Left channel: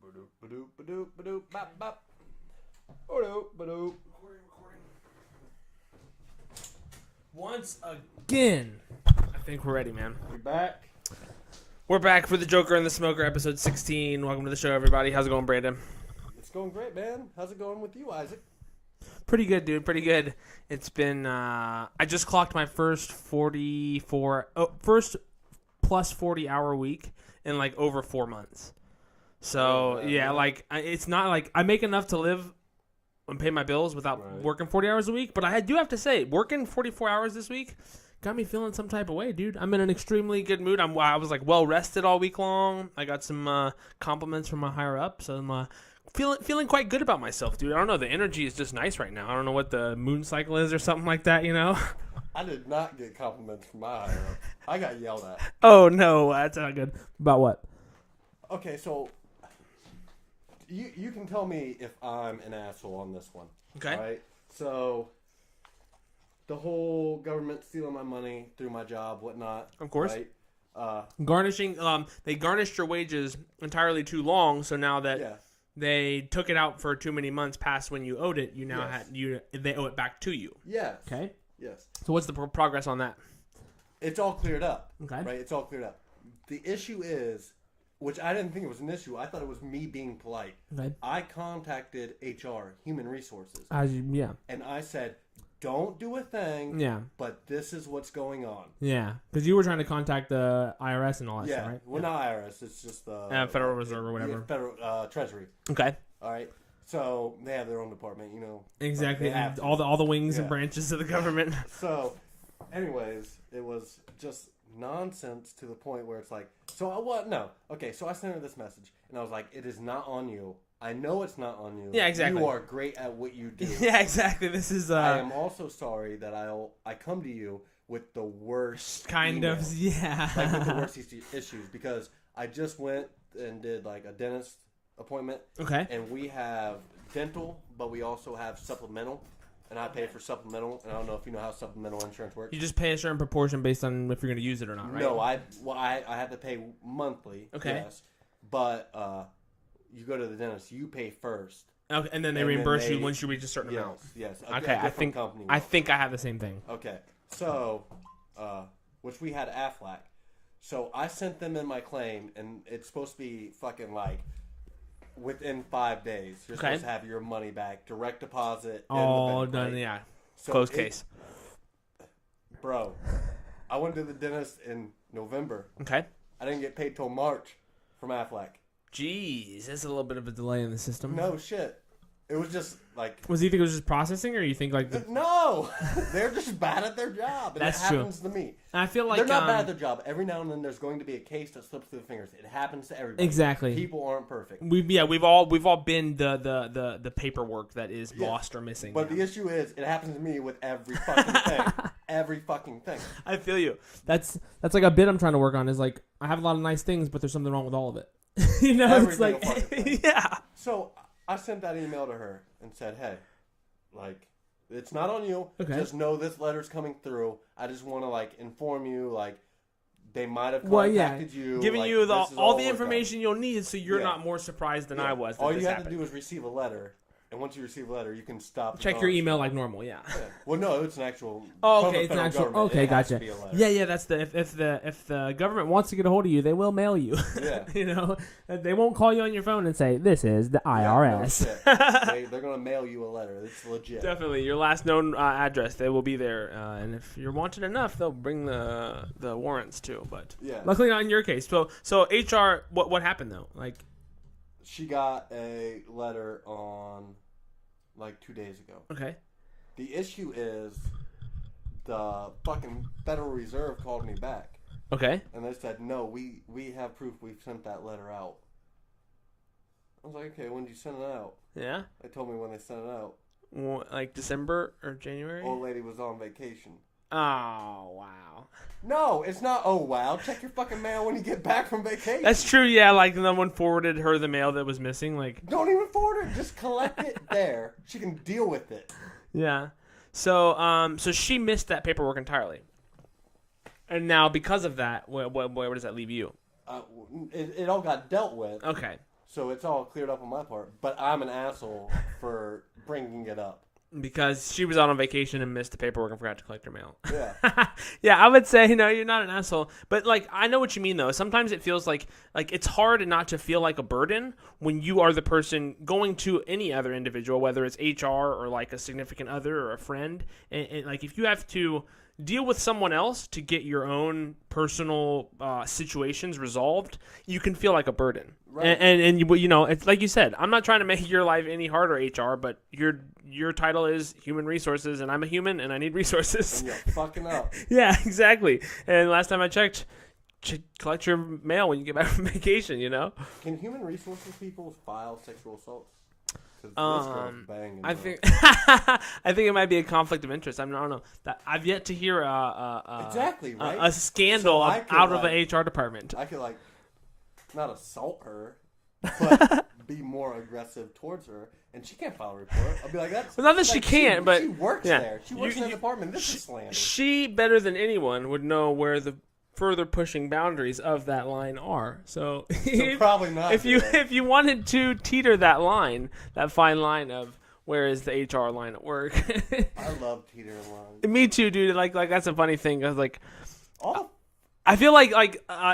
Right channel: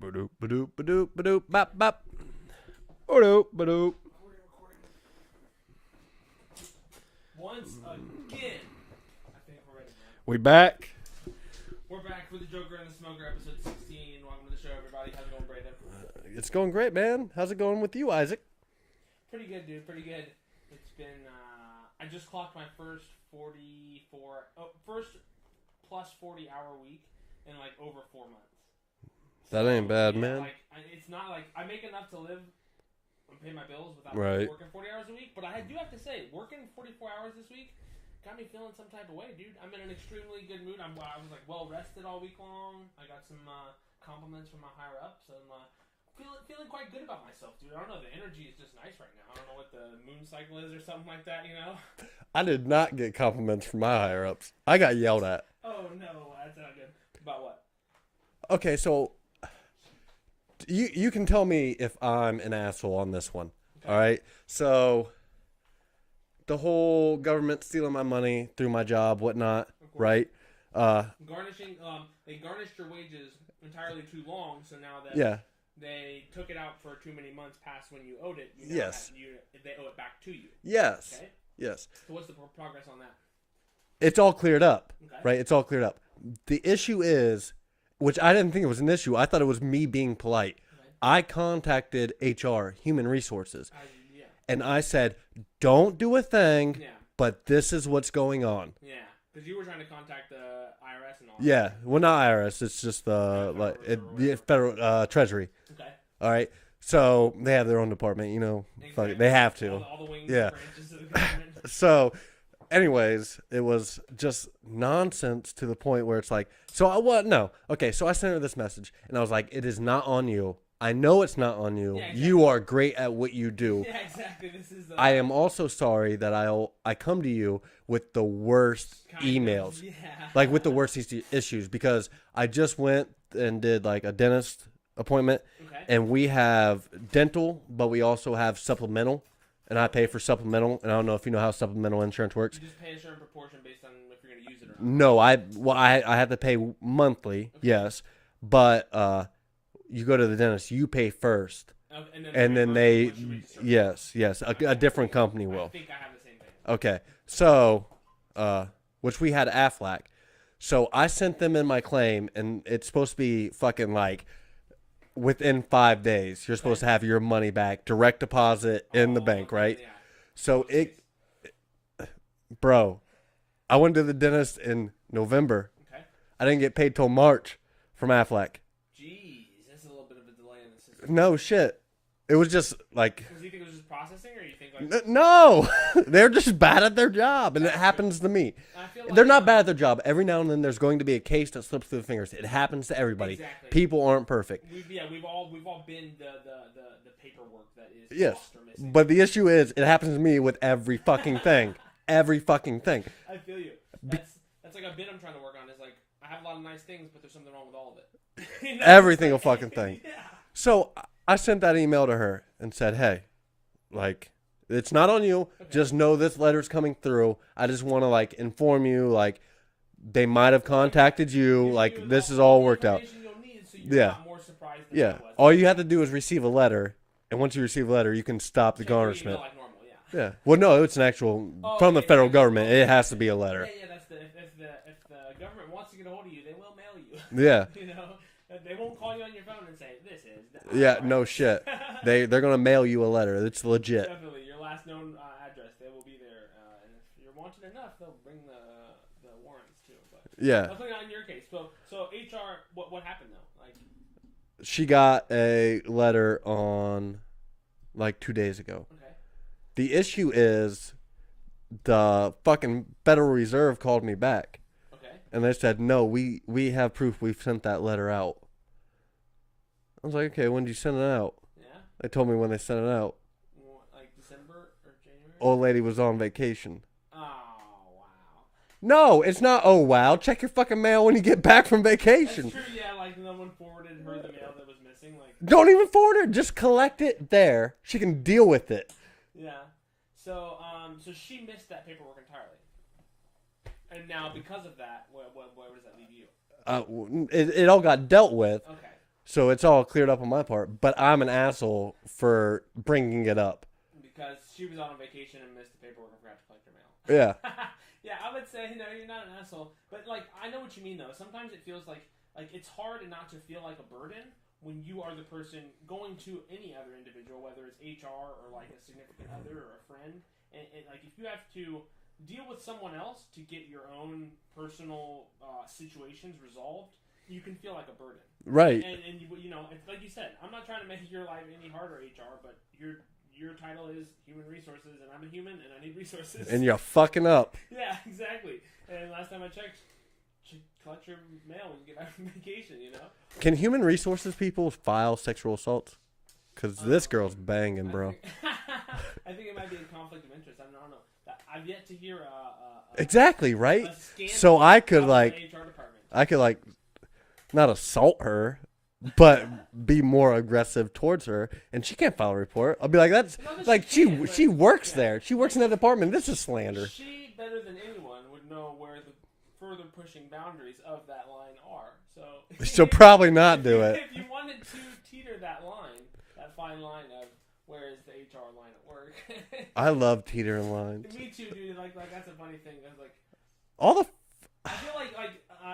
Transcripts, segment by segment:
Ba-doop, ba-doop, ba-doop, ba-doop, bop, bop. Ba-doop, ba-doop. Once again, I think we're ready, man. We back. We're back for the Joker and the Smoker, episode 16. Welcome to the show, everybody. How's it going, Brandon? It's going great, man. How's it going with you, Isaac? Pretty good, dude. Pretty good. It's been. I just clocked my first first plus 40-hour week in like over 4 months. So That ain't bad, yeah, man. like it's not like I make enough to live and pay my bills without Right. working 40 hours a week. But I do have to say, working 44 hours this week got me feeling some type of way, dude. I'm in an extremely good mood. I was like well rested all week long. I got some compliments from my higher ups, so I'm feeling quite good about myself, dude. I don't know. The energy is just nice right now. I don't know what the moon cycle is or something like that, you know? I did not get compliments from my higher ups. I got yelled at. Oh, no. That's not good. About what? Okay, so you can tell me if I'm an asshole on this one. Okay. All right. So the whole government stealing my money through my job, whatnot. Of course. Right. Garnishing. They garnished your wages entirely too long, so now that Yeah. they took it out for too many months past when you owed it, you now Yes. they owe it back to you. Yes. Okay. Yes. So what's the progress on that? It's all cleared up. Okay. Right. It's all cleared up. The issue is, which I didn't think it was an issue. I thought it was me being polite. Okay. I contacted HR, Human Resources, Yeah. and I said, "Don't do a thing, Yeah. but this is what's going on." Yeah. Because you were trying to contact the IRS and all that. Yeah, Right? well, not IRS. It's just the Federal Reserve or whatever. Federal Treasury. Okay. All right, so they have their own department. You know, Exactly. They have to. All the wings Yeah. and branches of the government. So, anyways, it was just nonsense to the point where it's like, so I what? No, okay. So I sent her this message, and I was like, "It is not on you. I know it's not on you. Yeah, exactly. You are great at what you do. Yeah, exactly. This is. I am also sorry that I come to you with the worst kind emails, of. Yeah. like with the worst issues, because I just went and did like a dentist appointment, Okay. and we have dental, but we also have supplemental, and I pay for supplemental, and I don't know if you know how supplemental insurance works. You just pay a certain proportion based on if you're going to use it or not. Right? No, I have to pay monthly, Okay. yes, but you go to the dentist, you pay first, Okay, and then they and then reimburse they you once you reach a certain amount. yes, Okay, a different company will. I think I have the same thing. Okay, so which we had Aflac, so I sent them in my claim, and it's supposed to be fucking like within 5 days. You're supposed to have your money back, direct deposit in the bank, right? Yeah. So Closed case. bro, I went to the dentist in November. Okay. I didn't get paid till March from Aflac. Jeez, that's a little bit of a delay in the system. No shit. It was just like Was you think it was just processing, or you think like? no, they're just bad at their job, and That's it happens to me. I feel like They're not bad at their job. Every now and then, there's going to be a case that slips through the fingers. It happens to everybody. Exactly. People aren't perfect. We've all been the paperwork that is Yes. lost or missing. But the issue is, it happens to me with every fucking thing. Every fucking thing. I feel you. That's like a bit I'm trying to work on. Is like I have a lot of nice things, but there's something wrong with all of it. You know, Every it's single like- fucking thing. Yeah. So I sent that email to her and said, "Hey, like, it's not on you. Okay. Just know this letter's coming through. I just want to like inform you, like, they might have Well, yeah. contacted you. Giving Like, you this is all all the worked out. information you'll need, so you're Yeah. not more surprised than I Yeah. was. All you have to do is receive a letter, and once you receive a letter, you can stop the check your garnishment. email like normal. Yeah. Yeah. Well, no, it's an actual Oh, from okay, the it's federal actual- government. okay, It has gotcha. to be a letter. Yeah. That's the if the government wants to get a hold of you, they will mail you. Yeah. You know, they won't call you on your phone and say this is the IRS. Yeah. No shit. They're gonna mail you a letter. It's legit. Definitely, your last known address, they will be there, and if you're wanted enough, they'll bring the warrants too. But Yeah. luckily, not in your case. So HR, what happened though? Like, She got a letter on like 2 days ago. okay, The issue is the fucking Federal Reserve called me back, okay, and they said, "No, we have proof. We've sent that letter out." I was like, "Okay, when did you send it out?" yeah, They told me when they sent it out. like December or January. Old lady was on vacation. Oh wow. No, it's not. Oh wow! Check your fucking mail when you get back from vacation. That's true, yeah. Like no one forwarded her the mail that was missing. Like, Don't even forward her. Just collect it there. She can deal with it. yeah. So so she missed that paperwork entirely, and now because of that, where does that leave you? It all got dealt with. Okay. So it's all cleared up on my part, but I'm an asshole for bringing it up. Because she was out on vacation and missed the paperwork and forgot to collect her mail. Yeah. Yeah, I would say, no, you're not an asshole. But, like, I know what you mean, though. Sometimes it feels like it's hard not to feel like a burden when you are the person going to any other individual, whether it's HR or, like, a significant other or a friend. And like, if you have to deal with someone else to get your own personal situations resolved, you can feel like a burden. Right. And you know, it's like you said, I'm not trying to make your life any harder, HR, but your title is human resources, and I'm a human, and I need resources. And you're fucking up. Yeah, exactly. And last time I checked, collect your mail when you get back from vacation, you know? Can human resources people file sexual assaults? Because this girl's banging, bro. I think it might be a conflict of interest. I don't know. I've yet to hear exactly, right? a scandal So I could, out like, of the HR department. I could, like, not assault her, but be more aggressive towards her, and she can't file a report. I'll be like, that's Well, not that like, she can't, but she works yeah. there. She works in that department. This is slander. She, better than anyone, would know where the further pushing boundaries of that line are. So Probably not do it. If you wanted to teeter that line, that fine line of where is the HR line at work. I love teetering lines. Me too, dude. Like that's a funny thing. I was like, All the I feel like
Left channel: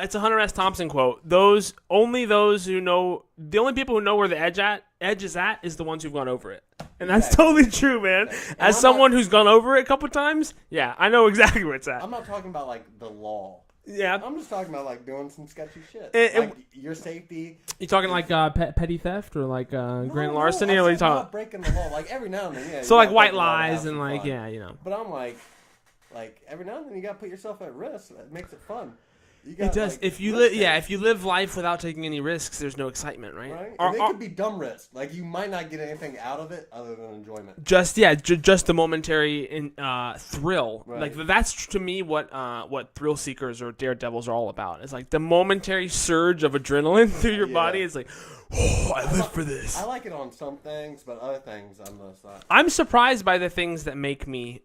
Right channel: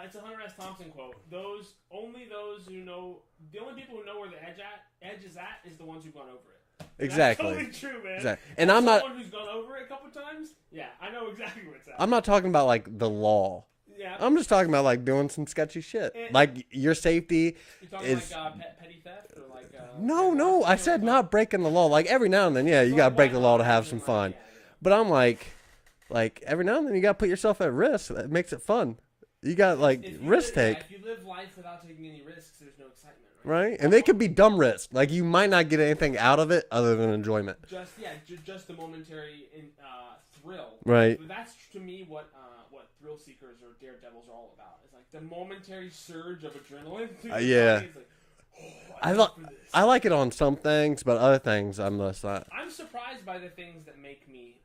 it's a Hunter S. Thompson quote. Those who know, the only people who know where the edge is at is the ones who've gone over it. And that's Exactly. totally true, man. Exactly. And As I'm someone who's gone over it a couple times, yeah, I know exactly where it's at. I'm not talking about like the law. Yeah, I'm just talking about like doing some sketchy shit, like your safety. You talking is- like petty theft or like grand No, larceny? I or what you said talking- not breaking the law. Like every now and then, yeah, so you like gotta white break the law to lies have and some like fun. yeah, you know. But I'm like every now and then you gotta put yourself at risk. That makes it fun. You It got does. like if you risk if you live life without taking any risks, there's no excitement, right? right, and they could be dumb risks. Like you might not get anything out of it other than enjoyment. Just just the momentary thrill. Right. Like, that's to me what thrill seekers or daredevils are all about. It's like the momentary surge of adrenaline through your Yeah. body. It's like, oh, I live for this. I like it on some things, but other things I'm less not. I'm surprised by the things that make me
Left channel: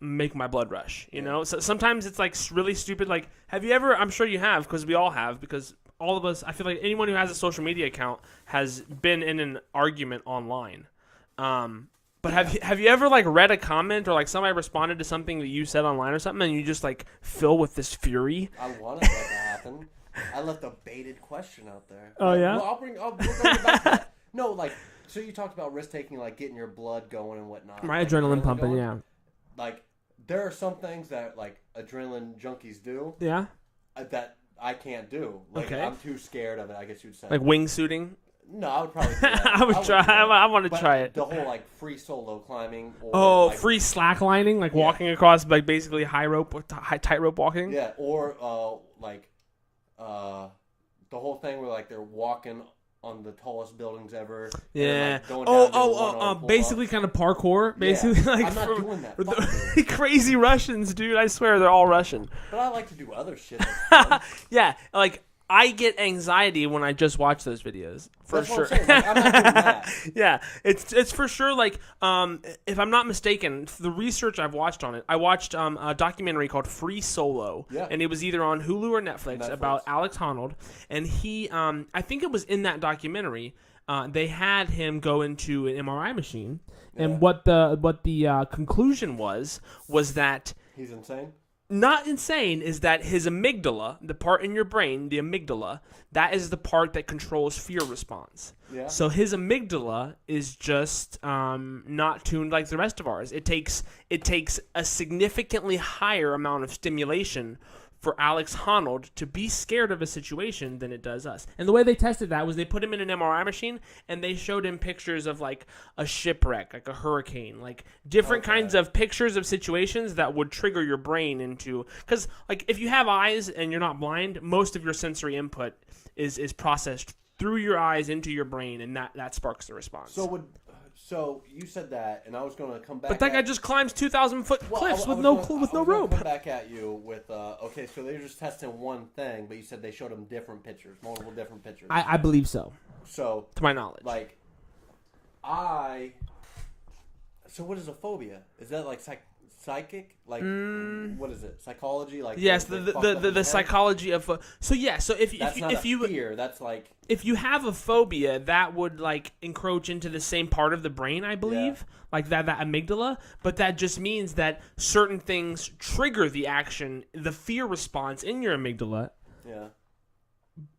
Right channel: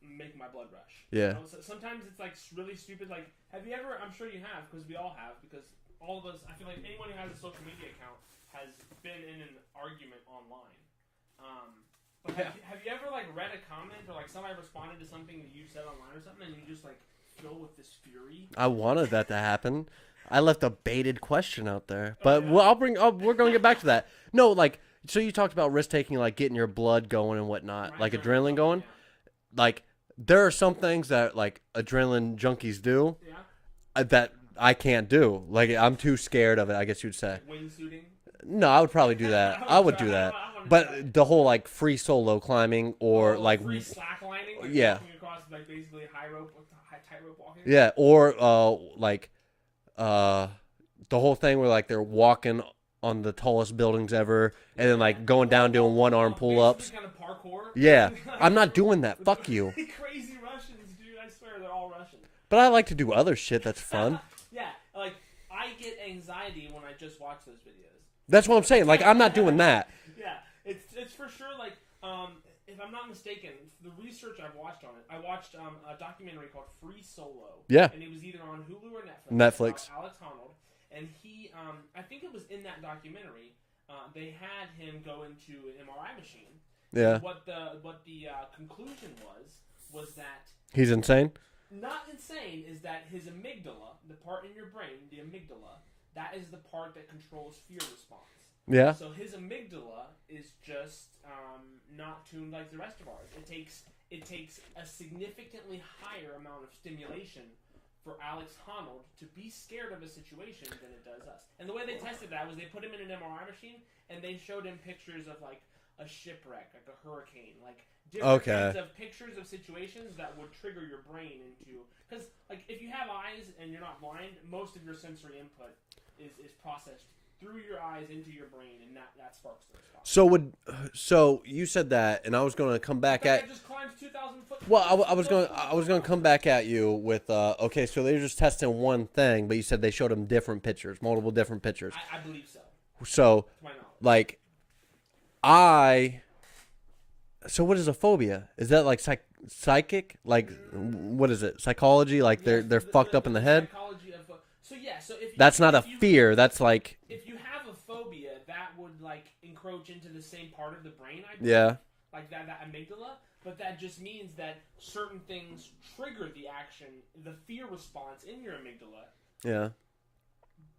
make my blood rush. You Yeah. know, so sometimes it's like really stupid. Like, have you ever? I'm sure you have, because we all have. Because all of us, I feel like anyone who has a social media account has been in an argument online. But have you ever like read a comment or like somebody responded to something that you said online or something, and you just like fill with this fury? I wanted that to happen. I left a baited question out there. Oh, But yeah? well, we're going to get back to that. No, like, so you talked about risk taking, like getting your blood going and whatnot. My like adrenaline pumping, going. yeah. Like, there are some things that, like, adrenaline junkies do Yeah. that I can't do. Like, Okay. I'm too scared of it, I guess you'd say. Like wingsuiting. No, I would probably do that. I would try. do that. I want to But try it. the whole, like, free solo climbing or, like, free slacklining, like Yeah. walking across like basically high rope, tightrope walking. yeah, or, the whole thing where, like, they're walking on the tallest buildings ever and then, like, going down doing one-arm pull-ups. Basically, kind of parkour. Yeah, basically, like, I'm not for- doing that. for Fuck the you. crazy Russians, dude. I swear they're all Russian. But I like to do other shit that's fun. Yeah, like I get anxiety when I just watch those videos. for That's what I'm sure. saying. Like, I'm not doing that. Yeah, it's for sure. Like, if I'm not mistaken, the research I've watched on it, I watched a documentary called Free Solo. Yeah. and it was either on Hulu or Netflix. About Alex Honnold, and he, I think it was in that documentary. They had him go into an MRI machine, Yeah. and what the conclusion was that. He's insane. Not insane is that his amygdala, the part in your brain, the amygdala, that is the part that controls fear response. Yeah. So his amygdala is just not tuned like the rest of ours. It takes a significantly higher amount of stimulation for Alex Honnold to be scared of a situation than it does us. And the way they tested that was they put him in an MRI machine and they showed him pictures of like a shipwreck, like a hurricane, like different kinds of pictures of situations that would trigger your brain into, because like if you have eyes and you're not blind, most of your sensory input is processed through your eyes into your brain, and that sparks the response. So you said that, and I was going to come back. But that guy just climbs 2,000-foot cliffs I with was no going to rope. come back at you with okay. So they're just testing one thing, but you said they showed him different pictures, multiple different pictures. I believe so, So to my knowledge. like, so what is a phobia? Is that like psychic, like what is it? Psychology, like Yes, they're fucked up in the head. psychology of so if That's if, not if a you, fear. That's like if you have a phobia, that would like encroach into the same part of the brain, I believe. Yeah. Like that amygdala, but that just means that certain things trigger the action, the fear response in your amygdala yeah.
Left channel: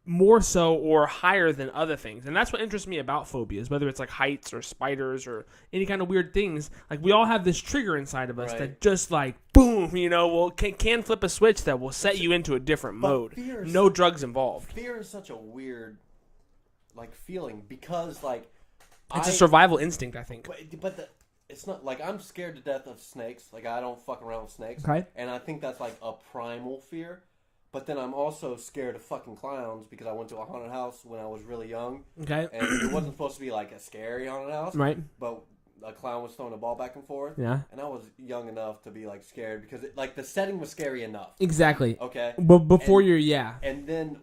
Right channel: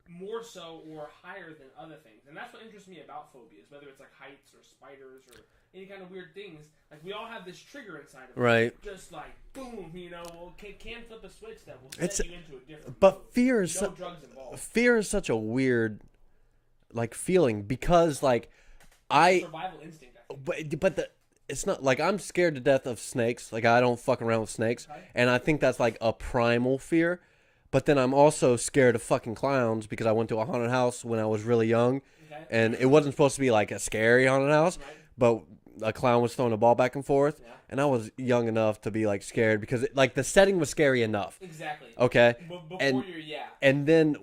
more so or higher than other things. And that's what interests me about phobias, whether it's like heights or spiders or any kind of weird things. Like we all have this trigger inside of us that just like boom, can flip a switch that will set you into a different mode. Fear is no drugs involved. Fear is such a weird like feeling because like It's a survival instinct, I think. But it's not like I'm scared to death of snakes. Like I don't fuck around with snakes. Okay. And I think that's like a primal fear. But then I'm also scared of fucking clowns because I went to a haunted house when I was really young. Okay. And it wasn't supposed to be like a scary haunted house. Right. But a clown was throwing a ball back and forth. Yeah. And I was young enough to be like scared because like the setting was scary enough. Exactly. Okay. But before And then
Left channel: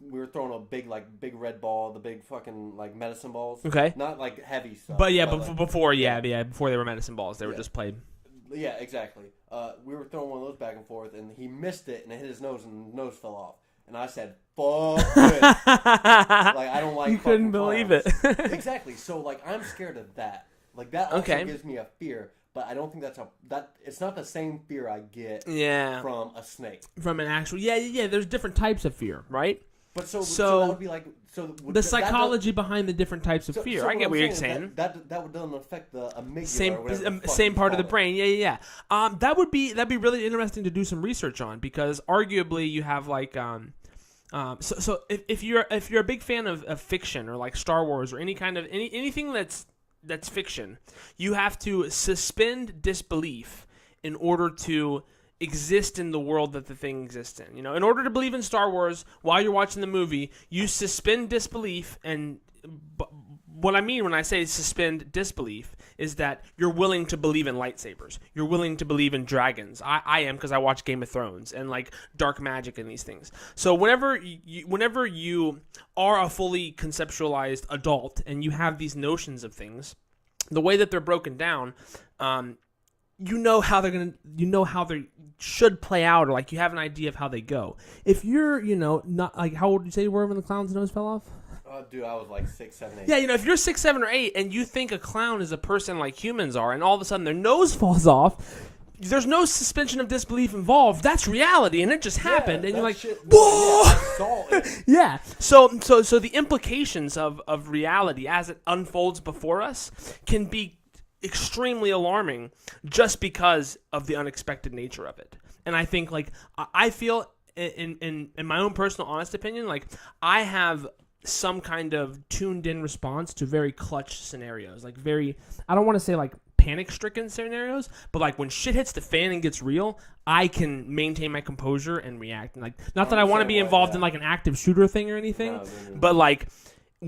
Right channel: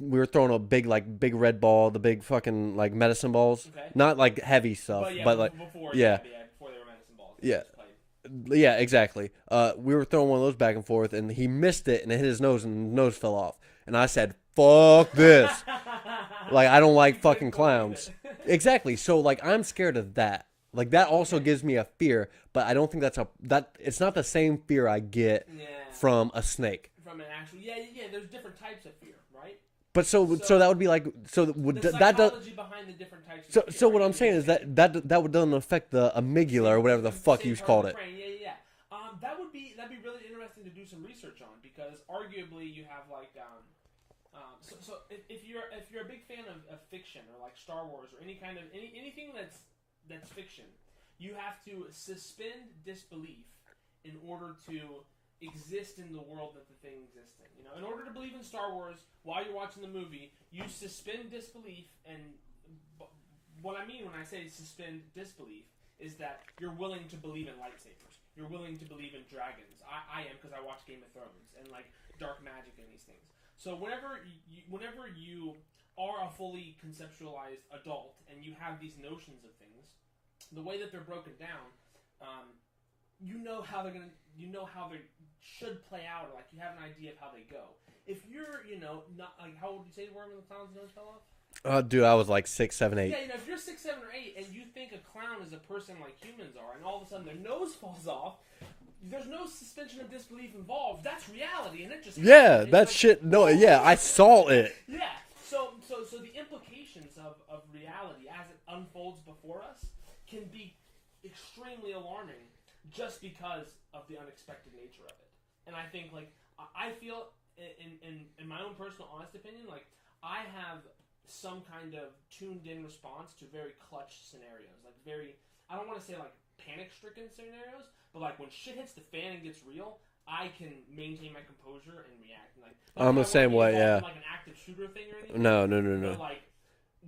we were throwing a big red ball, the big fucking like medicine balls. Okay. Not like heavy stuff. But yeah, like, before before they were medicine balls, they were just played. Yeah, exactly. We were throwing one of those back and forth, and he missed it, and it hit his nose, and his nose fell off. And I said, "Fuck this!" Like I don't like fucking clowns. Exactly. So like I'm scared of that. Like that also gives me a fear, but I don't think it's not the same fear I get from a snake. From an actual there's different types of fear, right? But so that would be like the psychology behind the different types of fear. So what I'm saying is that doesn't affect the amygdala or whatever the fuck same part of the it. brain. Yeah. That'd be really interesting to do some research on because arguably you have like so if you're a big fan of fiction or like Star Wars or any kind of anything that's fiction, you have to suspend disbelief in order to exist in the world that the thing exists in. In order to believe in Star Wars while you're watching the movie, you suspend disbelief. And what I mean when I say suspend disbelief is that you're willing to believe in lightsabers. You're willing to believe in dragons. I am because I watch Game of Thrones and like dark magic and these things. So whenever you are a fully conceptualized adult and you have these notions of things, the way that they're broken down, you know how they should play out, or like you have an idea of how they go. If you're, not like, how old did you say you were when the clown's nose fell off? Dude, I was like 6, 7, 8. Yeah, if you're 6, 7, or 8, and you think a clown is a person like humans are, and all of a sudden their nose falls off, there's no suspension of disbelief involved. That's reality, and it just happened. Yeah, and that shit. No, yeah, I saw it. Yeah. So the implications of reality as it unfolds before us can be extremely alarming just because of the unexpected nature of it. And I think like I feel in my own personal honest opinion, like I have some kind of tuned in response to very clutch scenarios, like very, I don't want to say like panic stricken scenarios, but like when shit hits the fan and gets real, I can maintain my composure and react. And like, not that I want to be involved in like an active shooter thing or anything. No. But like,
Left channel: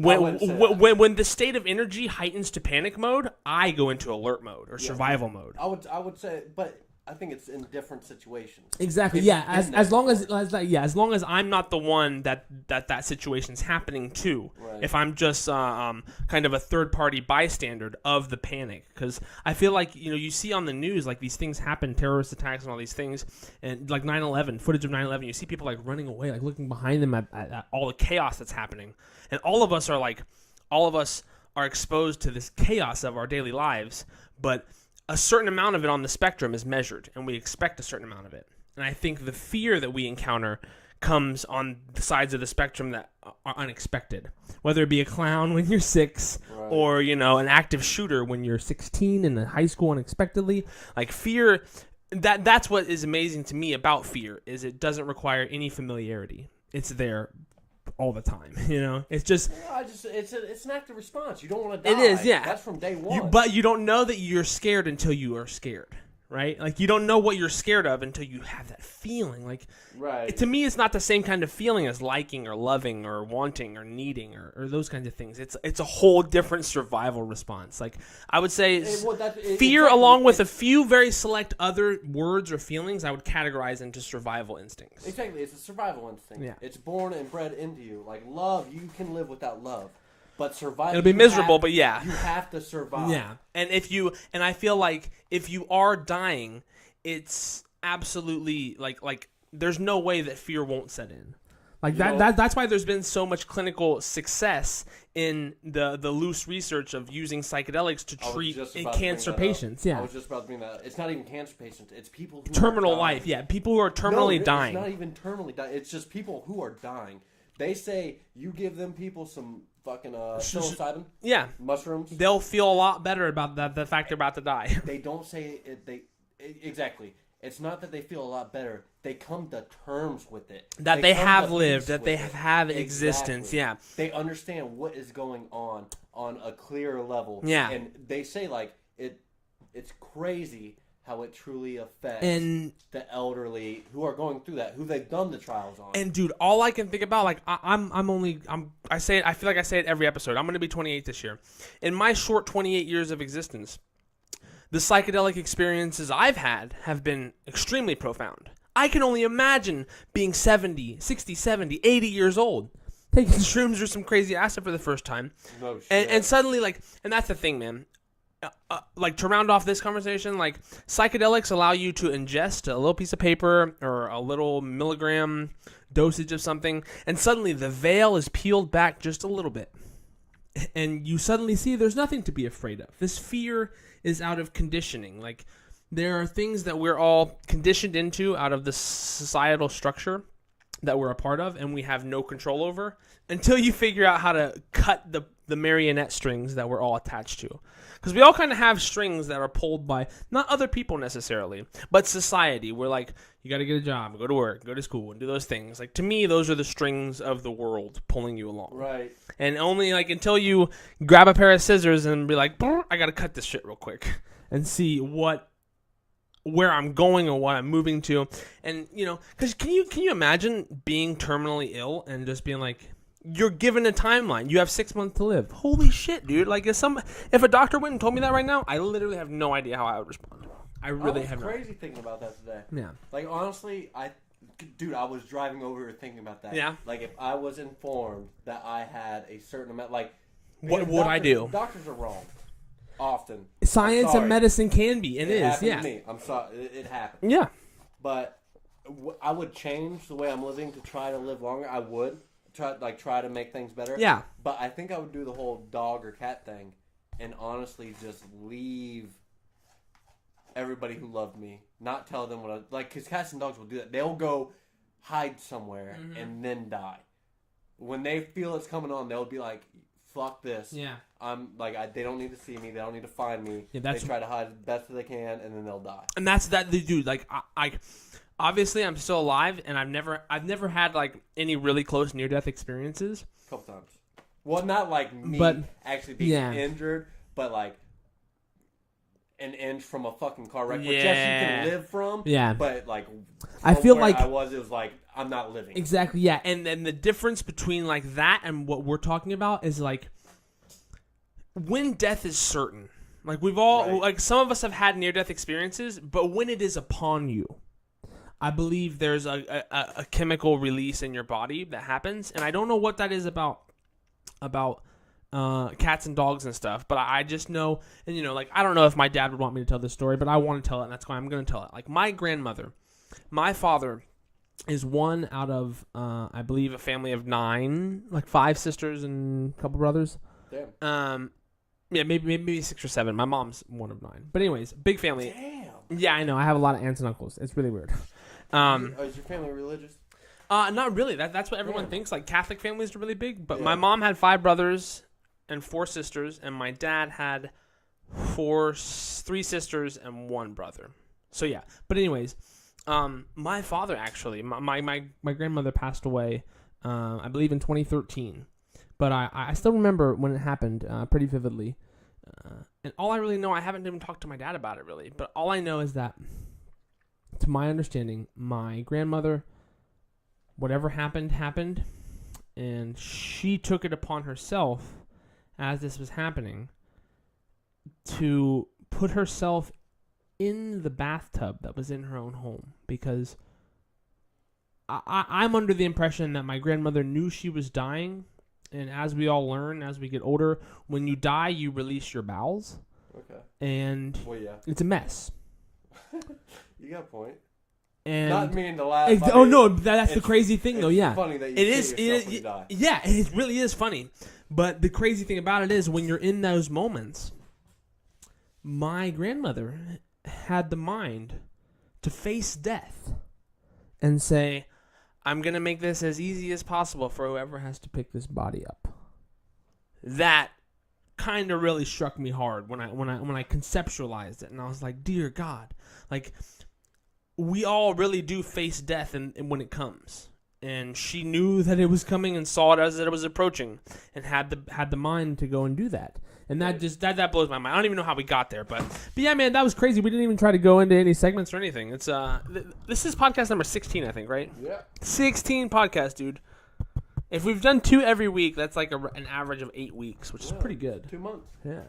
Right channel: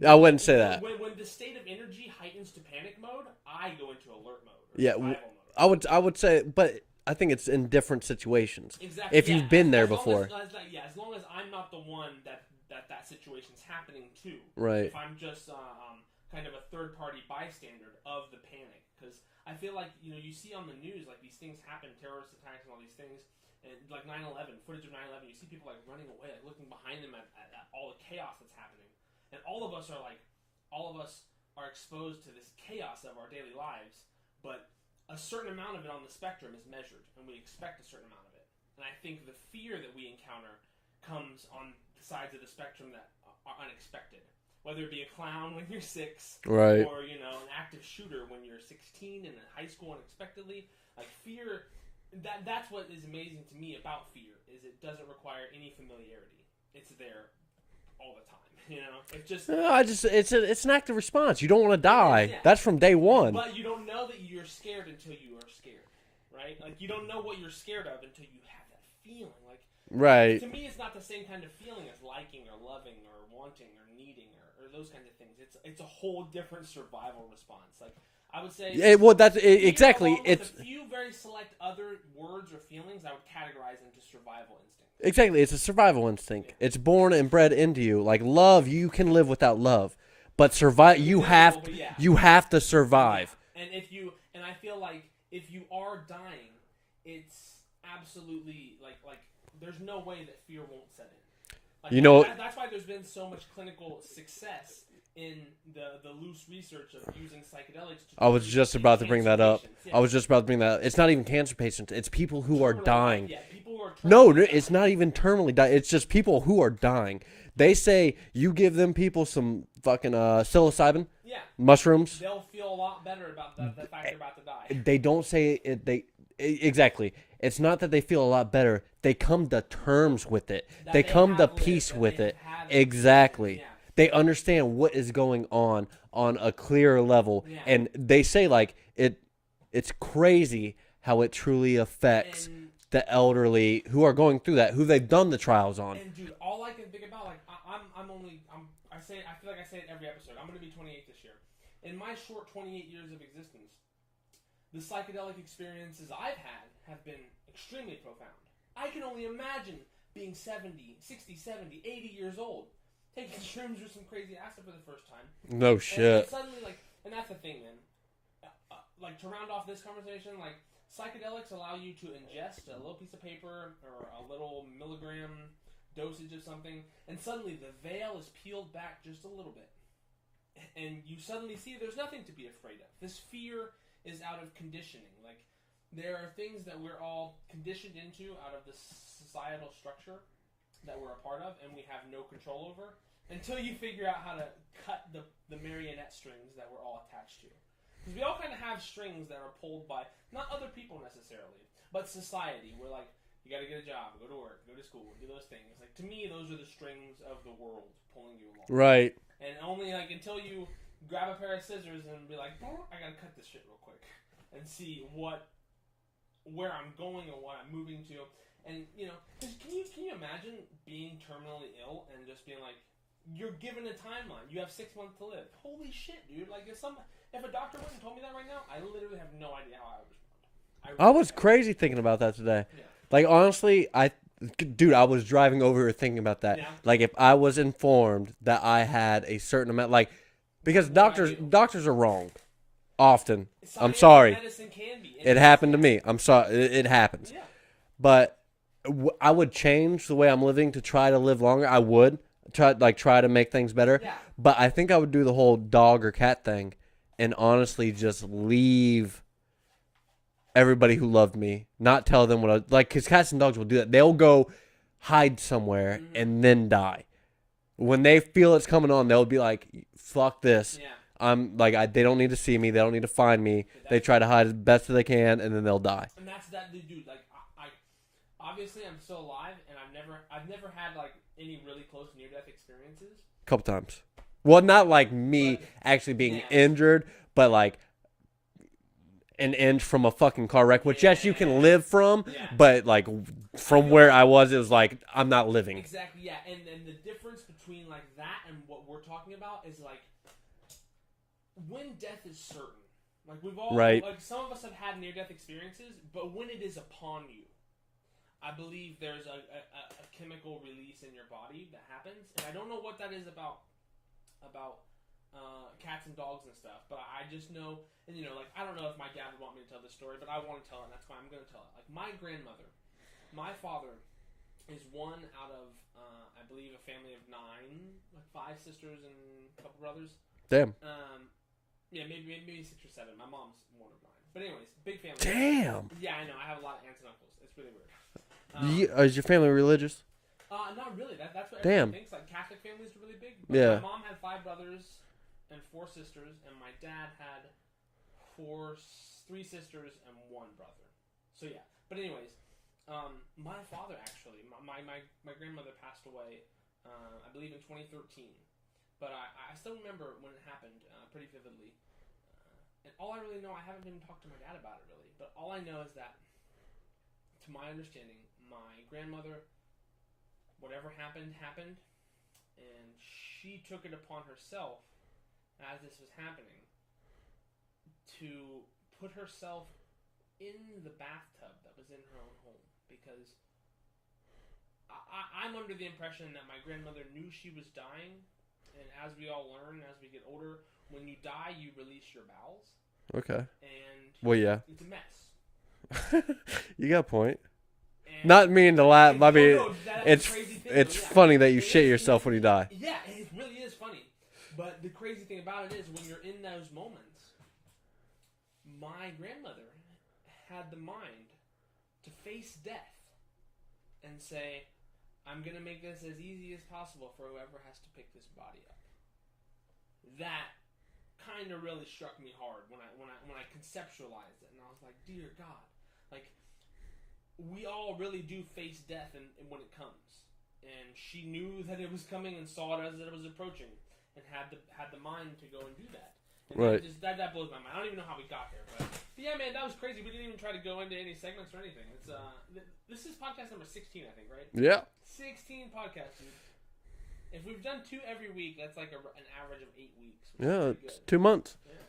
I wouldn't say that. When the state of energy heightens to panic mode, I go into alert mode or survival mode. I would say, but I think it's in different situations. Exactly. If you've been there before. As long as I'm not the one that situation's happening to. Right. If I'm just kind of a third party bystander of the panic, because I feel like you see on the news like these things happen, terrorist attacks and all these things, and like 9/11 footage of 9/11, you see people like running away, like looking behind them at all the chaos that's happening, and all of us are exposed to this chaos of our daily lives, but a certain amount of it on the spectrum is measured, and we expect a certain amount of it. And I think the fear that we encounter comes on the sides of the spectrum that are unexpected, whether it be a clown when you're 6, right, or an active shooter when you're 16 in high school unexpectedly. Like fear, that's what is amazing to me about fear, is it doesn't require any familiarity. It's there all the time, It's just it's an active response. You don't want to die. It is, yeah. That's from day one. But you don't know that you're scared until you are scared, right? Like you don't know what you're scared of until you have that feeling. Like, right. To me, it's not the same kind of feeling as liking or loving or wanting or needing or those kinds of things. It's a whole different survival response. Like I would say, fear exactly. along with a few very select other words or feelings, I would categorize into survival instincts. Exactly, it's a survival instinct. Yeah. It's born and bred into you. Like love, you can live without love, but survive. It'll be miserable, but yeah, you have to survive. Yeah. And I feel like if you are dying, it's absolutely like there's no way that fear won't set in. Like that's why there's been so much clinical success in the loose research of using psychedelics to treat I was just about to bring that patients. up. Yeah. I was just about to bring that up. It's not even cancer patients. It's people who terminal are dying. life. Yeah, people who are terminally dying. No, it's not even terminally dying. It's just people who are dying. They say you give them people some fucking psilocybin, mushrooms. They'll feel a lot better about the fact they're about to die. They don't say it. Exactly. It's not that they feel a lot better. They come to terms with it. That they have lived, that they have existence. Exactly. Yeah. They understand what is going on a clearer level. Yeah. And they say like it's crazy how it truly affects the elderly who are going through that, who they've done the trials on. And dude, all I can think about, like I say it, I feel like I say it every episode. I'm gonna be 28 this year. In my short 28 years of existence, the psychedelic experiences I've had have been extremely profound. I can only imagine being 70, 60, 70, 80 years old, taking shrooms or some crazy acid for the first time. No shit. And suddenly, like, and that's the thing, man. Like, to round off this conversation, like, psychedelics allow you to ingest a little piece of paper or a little milligram dosage of something, and suddenly the veil is peeled back just a little bit. And you suddenly see there's nothing to be afraid of. This fear is out of conditioning. Like, there are things that we're all conditioned into out of the societal structure that we're a part of and we have no control over until you figure out how to cut the marionette strings that we're all attached to. Because we all kind of have strings that are pulled by not other people necessarily, but society. We're like, you got to get a job, go to work, go to school, and do those things. Like, to me, those are the strings of the world pulling you along. Right. And only like until you grab a pair of scissors and be like, I got to cut this shit real quick and see where I'm going or what I'm moving to. And, you know, because can you imagine being terminally ill and just being like, you're given a timeline. You have 6 months to live. Holy shit, dude. Like, if a doctor went and told me that right now, I literally have no idea how I would respond. I was crazy thinking about that today. Yeah. Like, honestly, I was driving over here thinking about that. Yeah. Like, if I was informed that I had a certain amount, like, because doctors are wrong. Often. Science I'm sorry. and medicine can be. It happened to me. I'm sorry. It happens. Yeah. But I would change the way I'm living to try to live longer. I would try to make things better. Yeah. But I think I would do the whole dog or cat thing and honestly just leave everybody who loved me, not tell them what I like, because cats and dogs will do that. They'll go hide somewhere and then die. When they feel it's coming on, they'll be like, fuck this. Yeah. I'm like, they don't need to see me. They don't need to find me. Yeah, they try to hide as best as they can, and then they'll die. And that's that, dude. Like, I obviously I'm still alive, and I've never had like any really close near-death experiences. A couple times. Well, not like me actually being injured, but like an inch from a fucking car wreck, which yes, you can live from. Yeah. But like from where I was, it was like I'm not living. Exactly. Yeah. And then the difference between like that and what we're talking about is like, when death is certain, like we've all, like some of us have had near-death experiences, but when it is upon you, I believe there's a chemical release in your body that happens, and I don't know what that is about cats and dogs and stuff, but I just know, and you know, like I don't know if my dad would want me to tell this story, but I want to tell it, and that's why I'm going to tell it. Like my grandmother, my father is one out of, I believe, a family of 9, like 5 sisters and a couple brothers. Damn. Yeah, maybe 6 or 7. My mom's one of 9. But anyways, big family. Damn. Yeah, I know. I have a lot of aunts and uncles. It's really weird. Is your family religious? Not really. That's what everyone thinks. Like Catholic families are really big. But my mom had 5 brothers and 4 sisters, and my dad had 3 sisters and 1 brother. So yeah. But anyways, my father actually, my grandmother passed away, I believe in 2013. But I still remember when it happened pretty vividly. And all I really know, I haven't even talked to my dad about it really, but all I know is that, to my understanding, my grandmother, whatever happened, and she took it upon herself, as this was happening, to put herself in the bathtub that was in her own home, because I'm under the impression that my grandmother knew she was dying. And as we all learn, as we get older, when you die, you release your bowels. Okay. And well, yeah, it's a mess. You got a point. And Not meaning to laugh. I mean, no, that's the it's- crazy thing, though. It's Yeah, funny that you It shit is- yourself when you die. Yeah, it really is funny. But the crazy thing about it is when you're in those moments, my grandmother had the mind to face death and say, I'm going to make this as easy as possible for whoever has to pick this body up. That kind of really struck me hard when I conceptualized it, and I was like, dear God, like we all really do face death and when it comes. And she knew that it was coming and saw it as it was approaching, and had the mind to go and do that. And Right. that just that blows my mind. I don't even know how we got there, but yeah, man, that was crazy. We didn't even try to go into any segments or anything. It's this is podcast number 16, I think, right? Yeah. 16 podcasts, dude. If we've done 2 every week, that's like an average of 8 weeks, which is pretty good. 2 months. Yeah.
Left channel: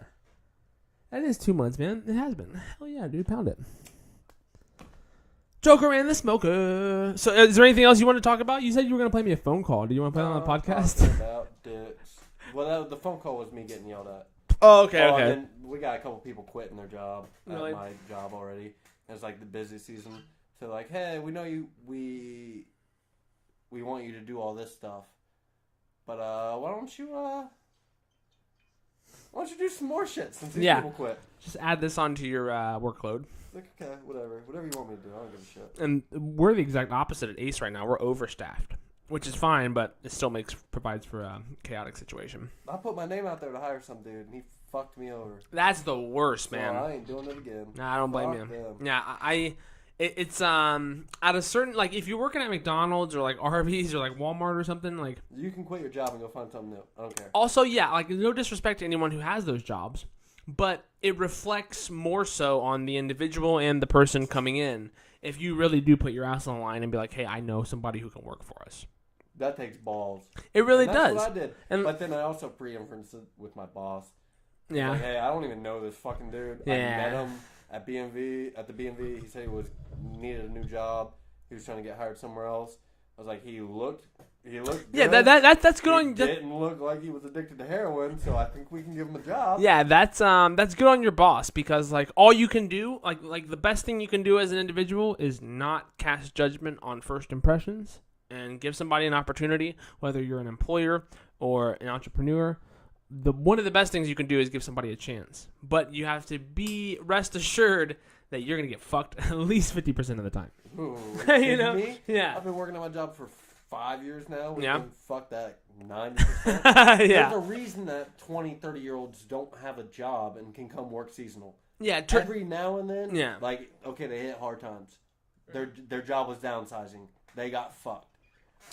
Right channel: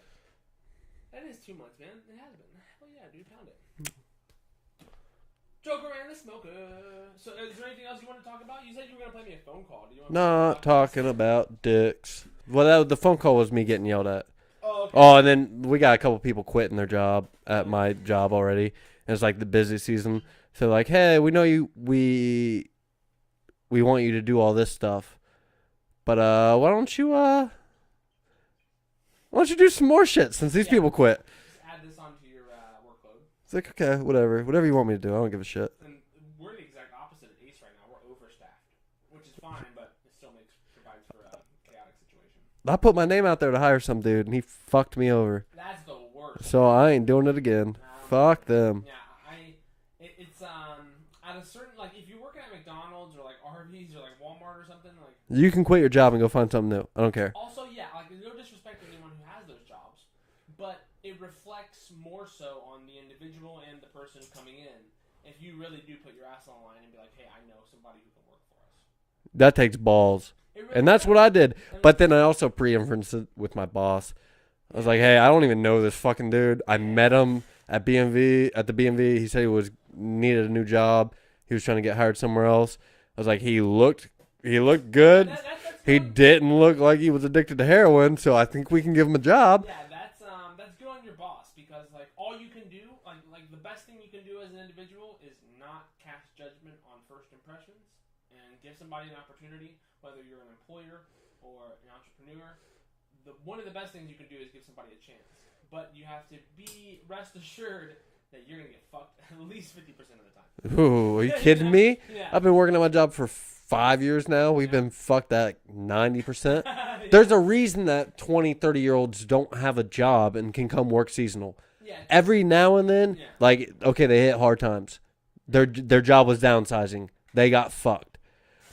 That is 2 months, man. It has been. Hell yeah, dude. Pound it. Joker and the Smoker. So, is there anything else you want to talk about? You said you were going to play me a phone call. Do you want to play me on a Not podcast? talking about dicks. Well, the phone call was me getting yelled at. Oh, okay. Oh, okay. and then we got a couple people quitting their job at Really? my job already. And it's like the busy season. So like, hey, we know you. We want you to do all this stuff, but why don't you do some more shit since these Yeah. people quit? Just add this onto your workload. It's like, okay, whatever you want me to do. I don't give a shit. And we're the exact opposite at Ace right now. We're overstaffed, which is fine, but it still provides for a chaotic situation. I put my name out there to hire some dude, and he fucked me over. That's the worst, So man. I ain't doing it again. Nah, I don't Fuck blame you. them. Yeah, it's at a certain, like, if you're working at McDonald's or like Arby's or like Walmart or something, like, You can quit your job and go find something new. I don't care. also, yeah, like, no disrespect to anyone who has those jobs, but it reflects more so on the individual and the person coming in if you really do put your ass on the line and be like, hey, I know somebody who can work for us. That takes balls. It really And that's does. what I did. And- But then I also pre-inferenced it with my boss. I was Yeah. like, hey, I don't even know this fucking dude. I Yeah. met him at the BMV. He said he needed a new job. He was trying to get hired somewhere else. I was like, he looked good. Yeah, that's He going. didn't look like he was addicted to heroin, so I think we can give him a job. Yeah, that's good on your boss, because like all you can do, like the best thing you can do as an individual is not cast judgment on first impressions and give somebody an opportunity, whether you're an employer or an entrepreneur. One of the best things you can do is give somebody a chance, but you have to be rest assured that you're gonna get fucked at least 50% of the time. Ooh, are you You kidding know? me? Yeah. I've been working at my job for 5 years now. We've Yeah. been fucked at 90%. Yeah. There's a reason that 20, 30-year-olds don't have a job and can come work seasonal. yeah. Every now and then, Yeah. like, okay, they hit hard times. Their job was downsizing. They got fucked.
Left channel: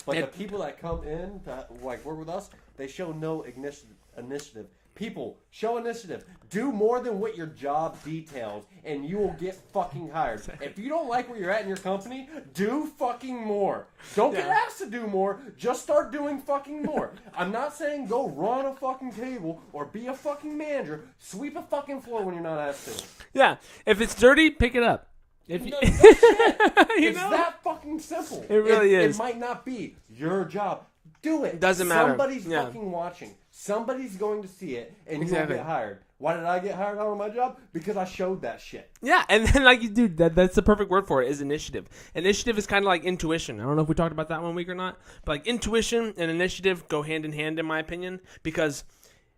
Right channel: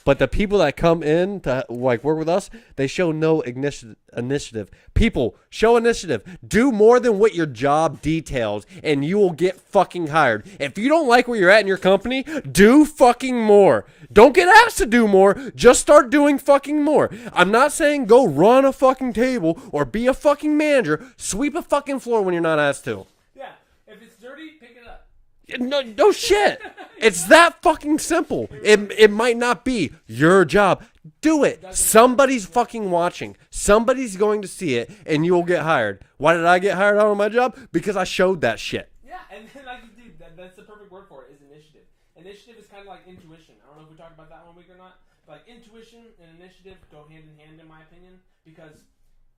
But And- the people that come in to like work with us, they show no initiative. People, show initiative. Do more than what your job details, and you will get fucking hired. If you don't like where you're at in your company, do fucking more. Don't get asked to do more. Just start doing fucking more. I'm not saying go run a fucking table or be a fucking manager. Sweep a fucking floor when you're not asked to. Yeah. If it's dirty, pick it up. No shit. It's that fucking simple. It really it is. might not be your job. Do it. Doesn't matter. Somebody's Yeah. fucking watching. Somebody's going to see it, and you will Exactly. get hired. Why did I get hired out of my job? Because I showed that shit. Yeah, and then like, dude, that's the perfect word for it, is initiative. Initiative is kind of like intuition. I don't know if we talked about that one week or not, but like intuition and initiative go hand in hand, in my opinion, because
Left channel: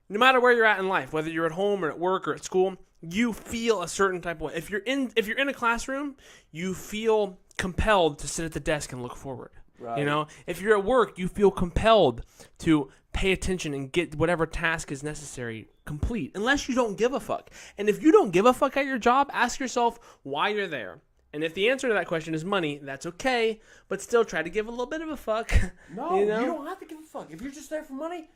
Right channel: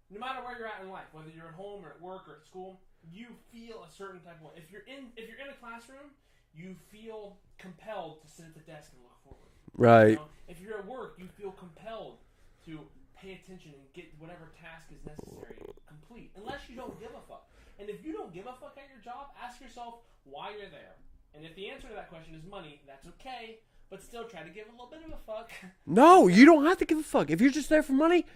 no matter where you're at in life, whether you're at home or at work or at school, you feel a certain type of way. If you're in a classroom, you feel compelled to sit at the desk and look forward. Right. You know, if you're at work, you feel compelled to pay attention and get whatever task is necessary complete, unless you don't give a fuck. And if you don't give a fuck at your job, ask yourself why you're there. And if the answer to that question is money, that's okay, but still try to give a little bit of a fuck. No, You know? you don't have to give a fuck. If you're just there for money,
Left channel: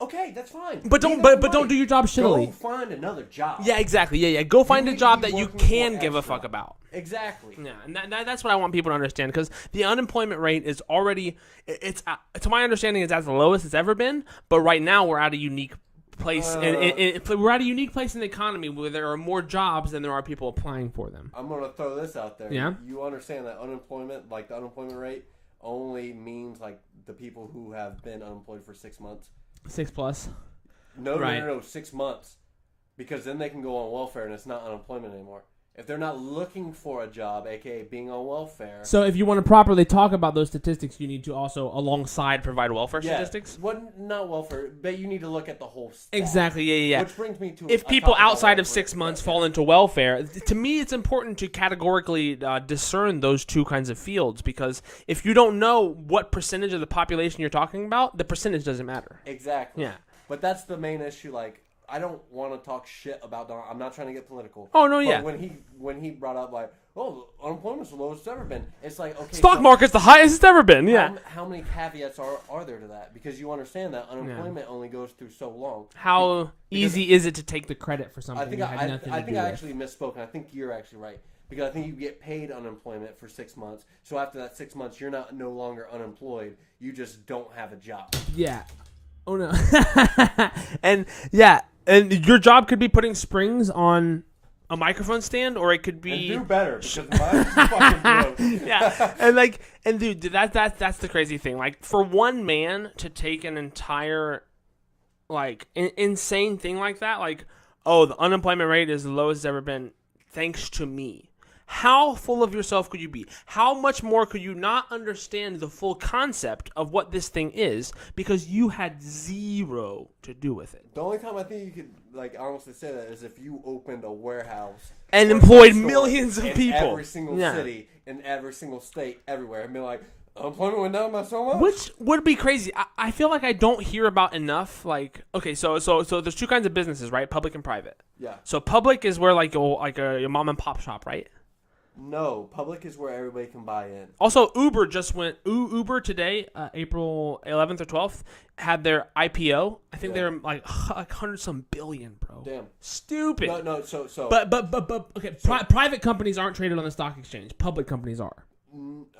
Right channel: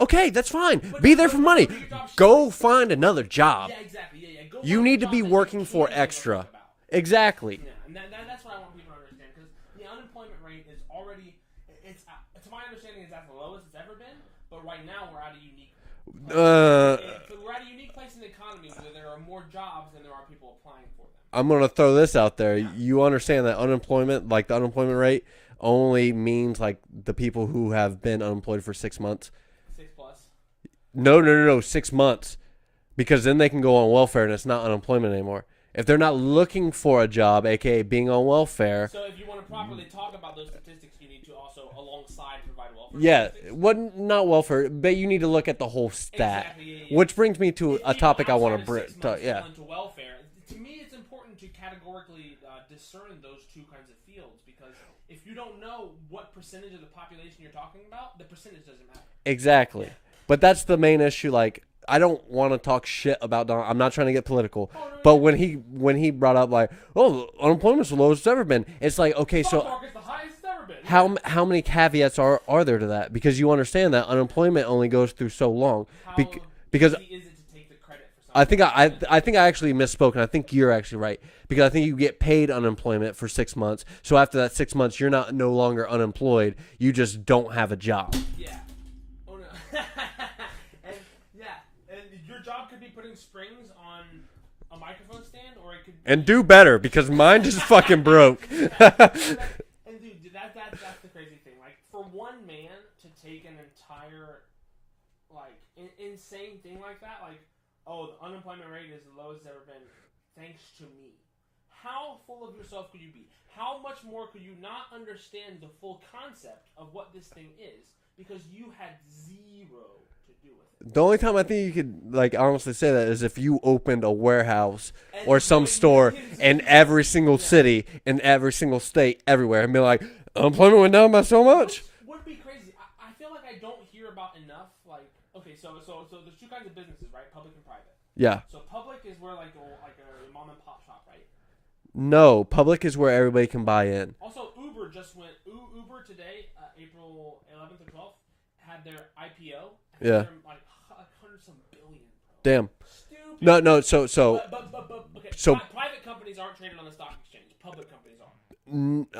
okay, that's fine. But be don't- there but- for but money. don't do your job Go shitty. find another job. Yeah, exactly. Yeah. Go find a need to job be that you working for can give a extra. fuck about. Exactly. Yeah, and that's what I want people to understand, because the unemployment rate is already, it's to my understanding, it's at the lowest it's ever been. But right now we're at a unique place. We're at a unique place in the economy where there are more jobs than there are people applying for them. I'm going to throw this out there. Yeah. You understand that unemployment, like the unemployment rate, only means like the people who have been unemployed for 6 months. 6+. No, Right. no, 6 months. Because then they can go on welfare and it's not unemployment anymore. If they're not looking for a job, aka being on welfare, So if you want to properly talk about those statistics, you need to also alongside provide welfare statistics. not welfare, but you need to look at the whole stat. Exactly. Yeah. Which brings me to if a people topic I outside wanna of 6 months yeah. fall into welfare, to me it's important to categorically discern those two kinds of fields, because if you don't know what percentage of the population you're talking about, the percentage doesn't matter. Exactly. Yeah. But that's the main issue. Like, I don't want to talk shit about Donald. I'm not trying to get political. Oh no, But yeah. when he brought up like, oh, unemployment's the lowest it's ever been. It's like, okay, Stock so market's the highest it's ever been. Yeah. how many caveats are there to that? Because you understand that unemployment only goes through so long. How because easy is it to take the credit for something? I think that had nothing I to think do I with- actually misspoke, and I think you're actually right, because I think you get paid unemployment for 6 months. So after that 6 months, you're no longer unemployed. You just don't have a job. Yeah. Oh no. And yeah, and your job could be putting springs on a microphone stand, or it could be And do better, because mine just fucking broke. yeah, and dude, that's the crazy thing. Like, for one man to take an entire like insane thing like that, like, oh, the unemployment rate is the lowest it's ever been, thanks to me. How full of yourself could you be? How much more could you not understand the full concept of what this thing is because you had zero to do with it? The only time I think you could like honestly say that is if you opened a warehouse And or employed some store millions of in people. every single Yeah. city, in every single state, everywhere, and be like, unemployment went down by so much. Which would be crazy. I feel like I don't hear about enough. Like, okay, so there's two kinds of businesses, right? Public and private. Yeah. So public is where like your mom and pop shop, right? No, public is where everybody can buy in. Also, Uber just went. Uber today, April 11th or 12th, had their IPO. I think Yeah. they're like 100-some billion, bro. Damn. Stupid. No. So But okay. So- Private companies aren't traded on the stock exchange. Public companies are.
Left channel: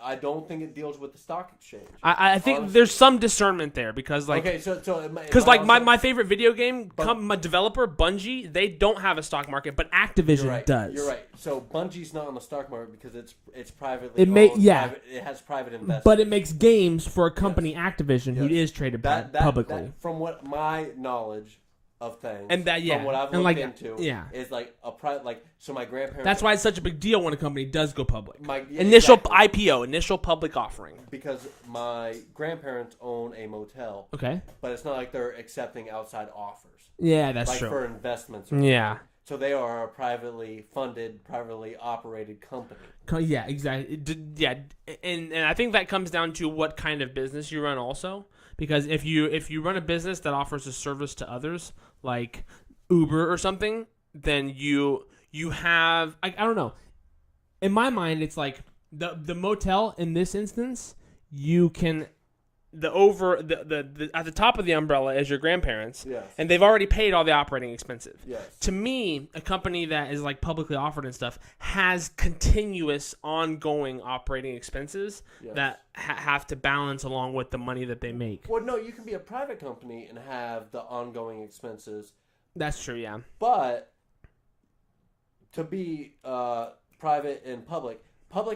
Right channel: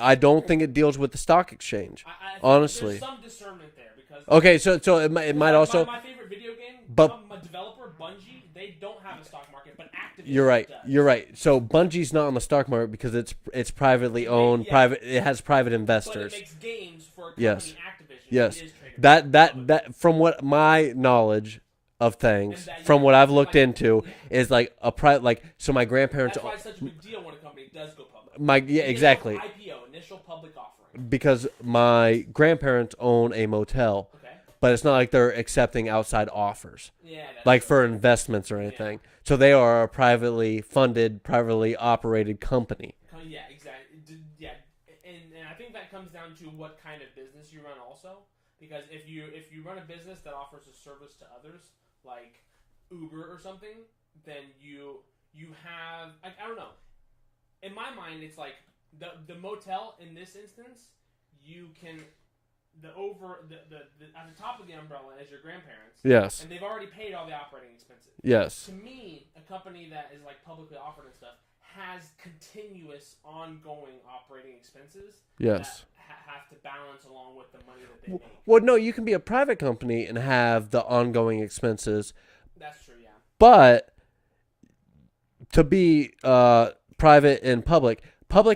I don't think it deals with the stock exchange. I think Honestly. there's some discernment there because like. Okay, so it might Because like also, my favorite video game, But- my developer Bungie, they don't have a stock market, but Activision you're right. does. You're right. So Bungie's not on the stock market because it's privately It may- owned. yeah. Private. It has private investors. But it makes games for a company, Yes. Activision, Yes. who is traded that publicly. from what my knowledge of things, And that- from yeah. what I've And, looked like, into, yeah. is like a private. Like, so my grandparents. That's why it's such a big deal when a company does go public. Initial Initial IPO, initial public offering. because my grandparents own a motel, Okay. but it's not like they're accepting outside offers, Yeah, that's like true. for investments or anything. Yeah. So they are a privately funded, privately operated company. Yeah, exactly. Yeah, and I think that comes down to what kind of business you run also. Because if you run a business that offers a service to others, like Uber or something, then you have I don't know. In my mind, it's like the motel in this instance, you can the at the top of the umbrella is your grandparents, Yes. and they've already paid all the operating expenses. Yes. To me, a company that is like publicly offered and stuff has continuous, ongoing operating expenses Yes. that have to balance along with the money that they make. Well, no, you can be a private company and have the ongoing expenses, That's true, yeah. but to be private and public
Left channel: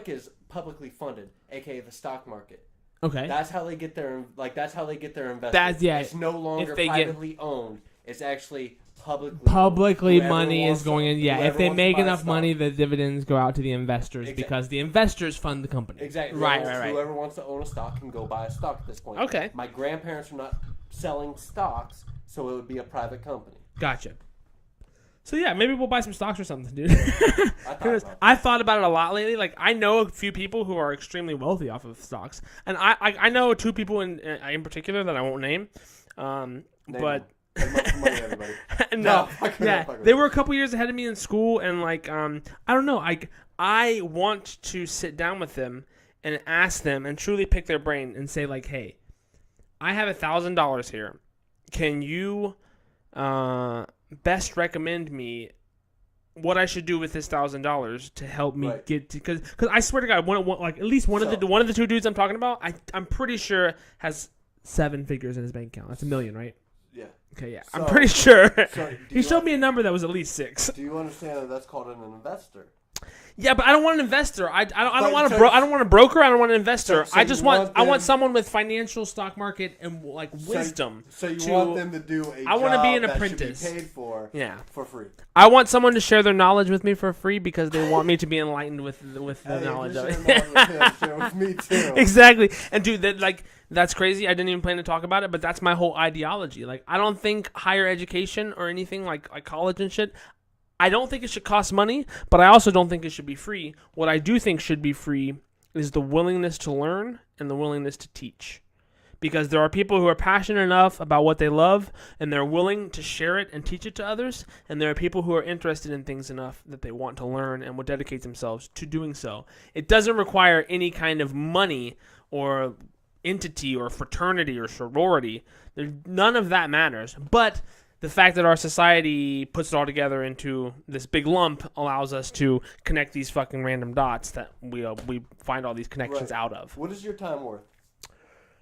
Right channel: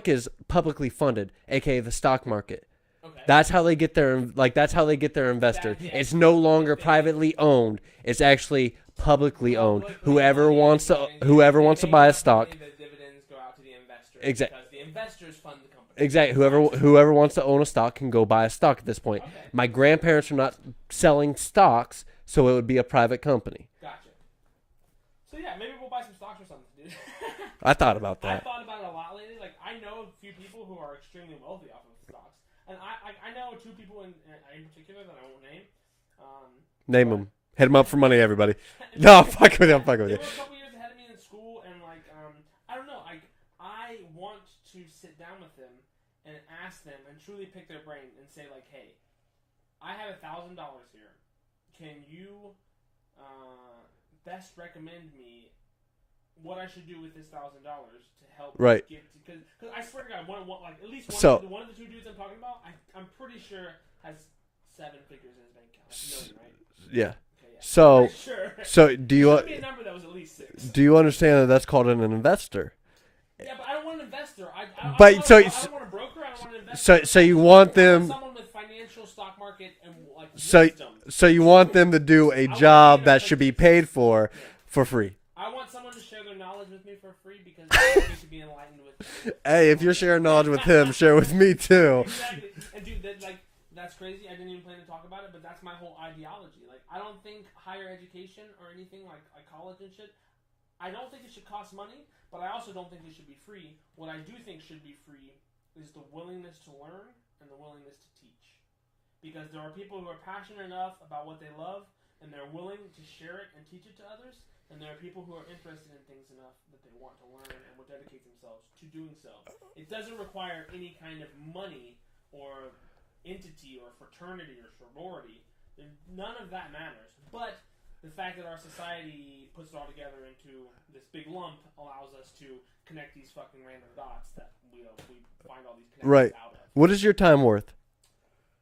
is publicly funded, aka the stock market. Okay. That's how they get their That's how they get their investors. That's- yeah. It's no longer If they privately owned. It's actually publicly owned. Publicly, money is going in. Yeah, whoever if they wants make to buy a enough stock. money, the dividends go out to the investors because the investors fund the company. Exactly. Right. Whoever wants to own a stock can go buy a stock at this point. Okay. My grandparents are not selling stocks, so it would be a private company. Gotcha. So yeah, maybe we'll buy some stocks or something, dude. I thought about that. I've thought about it a lot lately. Like, I know a few people who are extremely wealthy off of stocks, and I know two people in particular that I won't name. Name but- them. Hit them up for money, everybody. And- No, fuck with yeah, them. Fuck with they them. were a couple years ahead of me in school, and like, I don't know. I want to sit down with them and ask them and truly pick their brain and say like, hey, I have $1,000 here. Can you best recommend me what I should do with this $1,000 to help me get to? Because I swear to God, at least one of the two dudes I'm talking about, I'm pretty sure has 7 figures in his bank account. That's $1 million, right? Yeah. Okay, yeah. So- I'm pretty sure. So do He you showed me a number that was at least 6. do you understand that that's called an investor? Yeah, but I don't want an investor. I don't But want so- I don't want a broker. I don't want an investor. so I you just want I them- want someone with financial stock market and like So, wisdom. so you to- want them to do a I wanna be job an that should be apprentice. paid for Yeah. free. I want someone to share their knowledge with me for free because they want me to be enlightened with. the Hey, if you're knowledge of sharing it. knowledge with him, share with me too. Exactly. And dude, that's crazy. I didn't even plan to talk about it, but that's my whole ideology. Like, I don't think higher education or anything like college and shit, I don't think it should cost money, but I also don't think it should be free. What I do think should be free is the willingness to learn and the willingness to teach. Because there are people who are passionate enough about what they love and they're willing to share it and teach it to others. And there are people who are interested in things enough that they want to learn and will dedicate themselves to doing so. It doesn't require any kind of money or entity or fraternity or sorority. None of that matters. But the fact that our society puts it all together into this big lump allows us to connect these fucking random dots that we find all these connections out of. What is your time worth?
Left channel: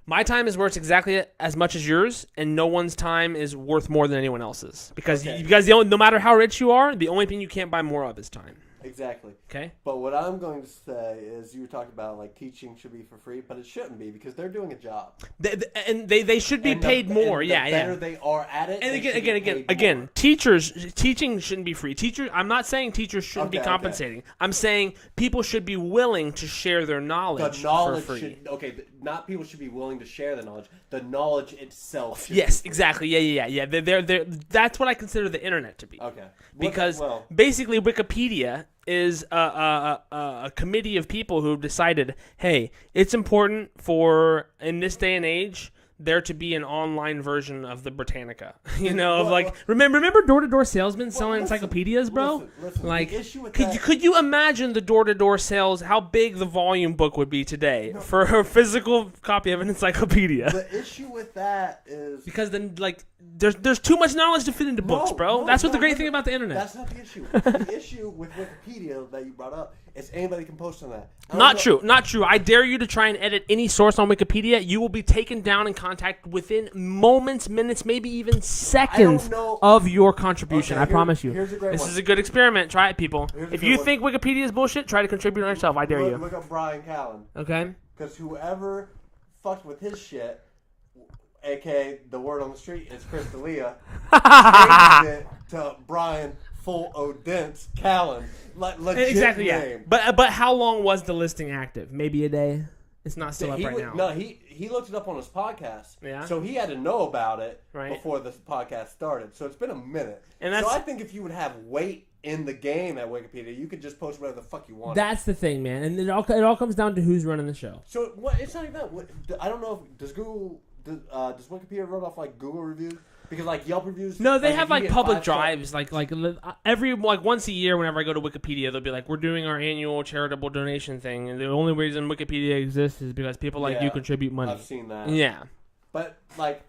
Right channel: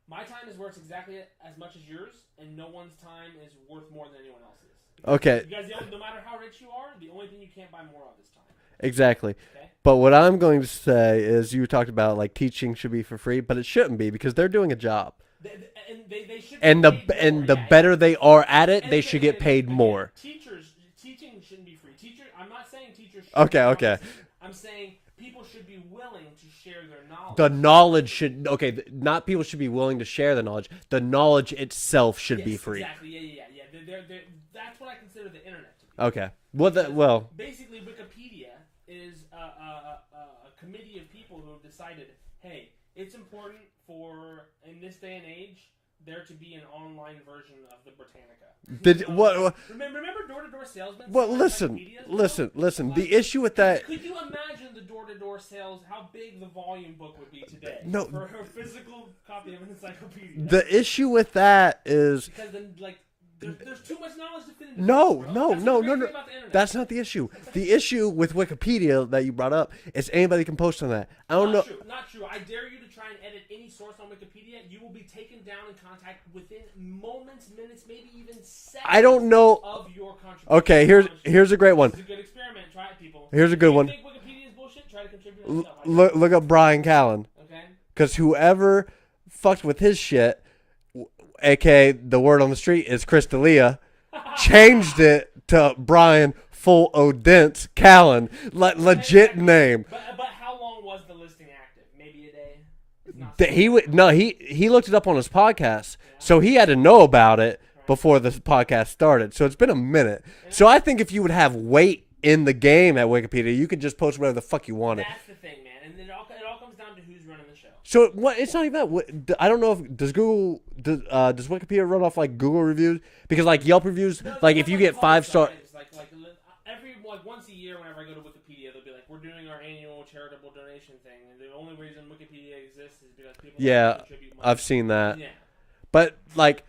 My time is worth exactly as much as yours, and no one's time is worth more than anyone else's. Because no matter how rich you are, the only thing you can't buy more of is time. Exactly. Okay. But what I'm going to say is you talked about like teaching should be for free, but it shouldn't be because they're doing a job. They should be And paid more. And the better they are at it, And they again- should get paid again, more. teaching shouldn't be free. I'm not saying teachers should be Okay. compensating. I'm saying people should be willing to share their knowledge. The for knowledge free. should not people should be willing to share the knowledge. The knowledge itself should be Yes, free. exactly. Yeah. They're that's what I consider the internet to be. Okay. Because basically Wikipedia is a committee of people who have decided, hey, it's important for, in this day and age, there to be an online version of the Britannica. Remember door-to-door salesmen selling encyclopedias, bro? Listen. Like, the issue with that. Could you imagine the door-to-door sales, how big the volume book would be today for a physical copy of an encyclopedia? The issue with that is Because then, there's too much knowledge to fit into books, bro. That's what the great thing about the internet. That's not the issue. The issue with Wikipedia that you brought up is anybody can post on that. Not true. I dare you to try and edit any source on Wikipedia. You will be taken down in contact within moments, minutes, maybe even seconds. I don't know of your contribution. Okay, I promise you. here's a great one. This is a good experiment. Try it, people. Here's a good one. If you think Wikipedia is bullshit, try to contribute on yourself. I dare you. Look up Brian Callen. Okay. Because whoever fucked with his shit, aka the word on the street is Chris D'Elia, changed it to Brian Full Odence Callen. Legit Exactly, name. Yeah. But how long was the listing active? Maybe a day. It's not. Still He up right would now. he looked it up on his podcast, Yeah. so he had to know about it Right. before the podcast started. So it's been a minute. And So I think if you would have weight in the game at Wikipedia, you could just post whatever the fuck you want. That's the thing, man, and it all comes down to who's running the show. So what? It's not even that. I don't know if does Wikipedia run off like Google reviews because like Yelp reviews. No, they like have if you like get public 5-star. drives, every once a year. Whenever I go to Wikipedia, they'll be like, "We're doing our annual charitable donation thing," and the only reason Wikipedia exists is because people like you contribute money. I've seen that. Yeah, But like,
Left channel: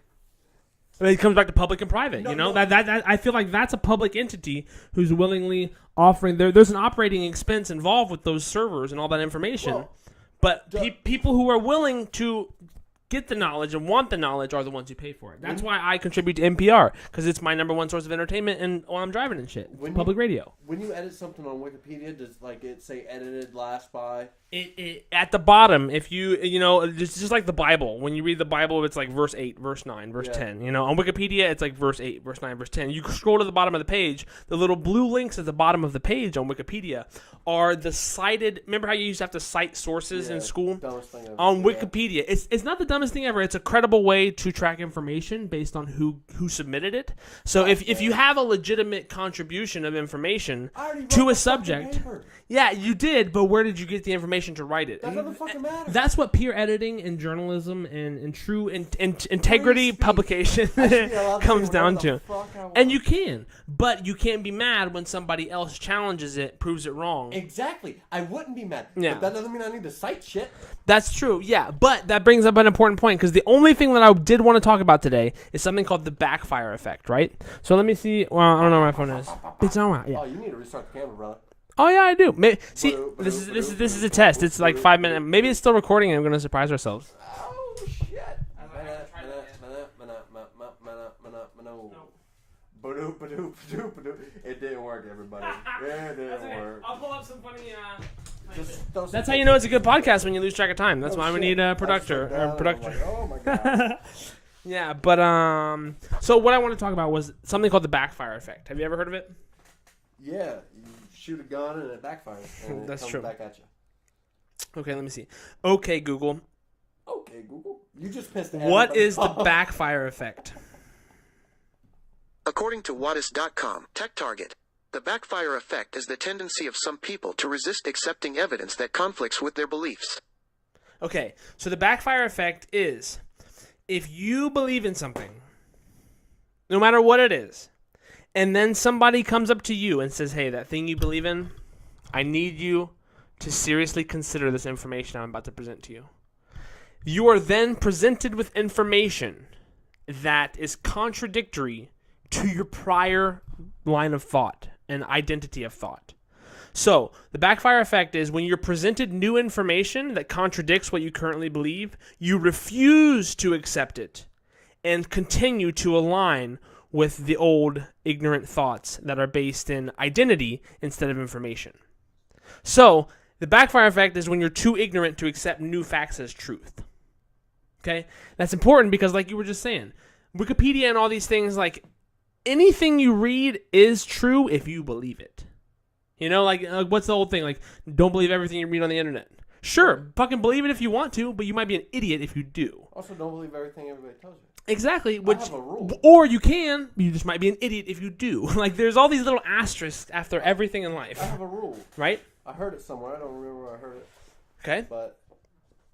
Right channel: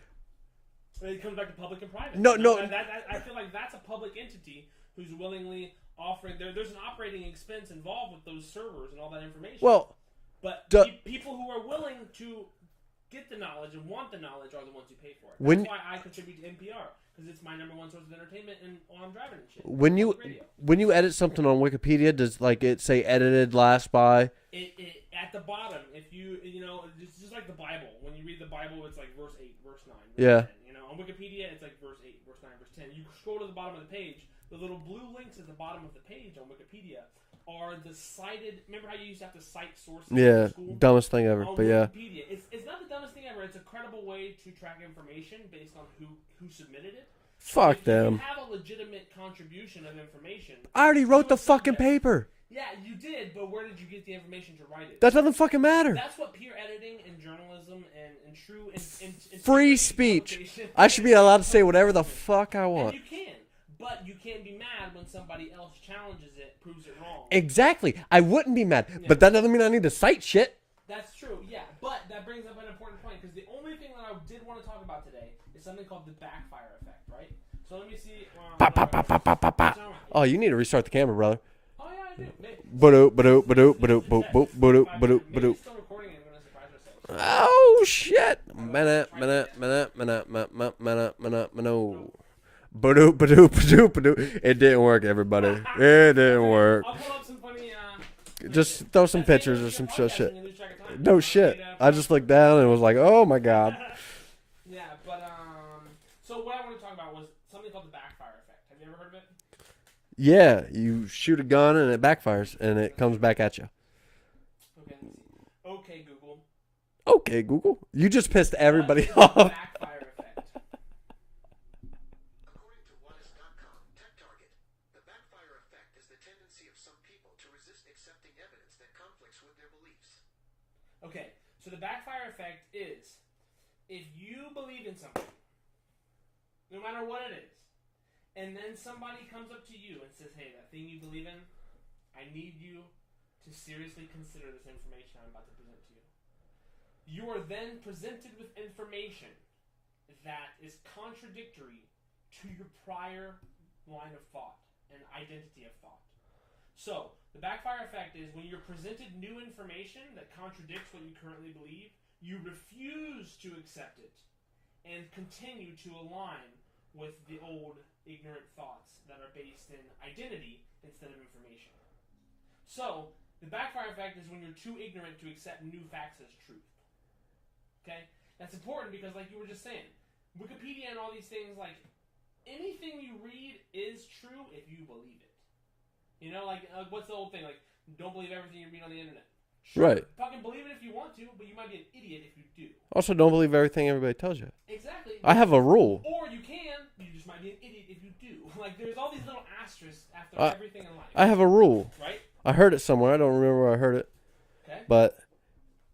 I mean, it comes back to public and private. No, you know? no. That I feel like that's a public entity who's willingly offering. There's an operating expense involved with those servers and all that information. Well, but people who are willing to get the knowledge and want the knowledge are the ones who pay for it. That's why I contribute to NPR, because it's my number one source of entertainment and while I'm driving and shit. Public radio. When you edit something on Wikipedia, does like it say edited last by? It at the bottom, if you just like the Bible, when you read the Bible, it's like verse 8, verse 9, verse 10. On Wikipedia, it's like verse 8, verse 9, verse 10. You scroll to the bottom of the page, the little blue links at the bottom of the page on Wikipedia are the cited. Remember how you used to have to cite sources in school? Dumbest thing ever. On Wikipedia, it's not the dumbest thing ever. It's a credible way to track information based on who submitted it. So if you have a legitimate contribution of information, I already to wrote a the subject, fucking paper. Yeah, you did, but where did you get the information to write it? That doesn't fucking matter. That's what peer editing and journalism and true integrity speech. publication. I should be allowed to say comes whatever down the to. fuck I want. And you can, but you can't be mad when somebody else challenges it, proves it wrong. Exactly. I wouldn't be mad, Yeah. but that doesn't mean I need to cite shit. That's true, yeah. But that brings up an important point, because the only thing that I did want to talk about today is something called the backfire effect, right? So let me see. Well, I don't know where my phone is. It's on. Yeah. Oh, you need to restart the camera, brother. Oh, yeah, I do. This is a test. It's like 5 minutes. Maybe it's still recording and I'm going to surprise ourselves. Oh shit! It didn't work, everybody. It didn't work. I'll pull up some funny Just throw some That's how pictures. you know it's a or good some podcast shit. when you lose track of time. That's No why shit. we need a producer. I just looked down and I was like, oh my god. Yeah, but so what I want to talk about was something called the backfire effect. Have you ever heard of it? Yeah, you shoot a gun and it backfires and it That's comes true. back at you. Okay, let me see. Okay, Google. Okay, Google. You just pissed everybody What is off. the backfire effect? According to Whatis.com, TechTarget, the backfire effect is the tendency of some people to resist accepting evidence that conflicts with their beliefs. Okay, so the backfire effect is if you believe in something, no matter what it is, and then somebody comes up to you and says, hey, that thing you believe in, I need you to seriously consider this information I'm about to present to you. You are then presented with information that is contradictory to your prior line of thought and identity of thought. So, the backfire effect is when you're presented new information that contradicts what you currently believe, you refuse to accept it and continue to align with the old ignorant thoughts that are based in identity instead of information. So, the backfire effect is when you're too ignorant to accept new facts as truth. Okay? That's important because, like you were just saying, Wikipedia and all these things, like, anything you read is true if you believe it. You know, like what's the old thing? Like, don't believe everything you read on the internet. Sure, Right. fucking believe it if you want to, but you might be an idiot if you do. Also, don't believe everything everybody tells you. Exactly. I have a rule. Or you can. You just might be an idiot if you do. Like, there's all these little asterisks after everything in life. I have a rule. Right? I heard it somewhere. I don't remember where I heard it. Okay. But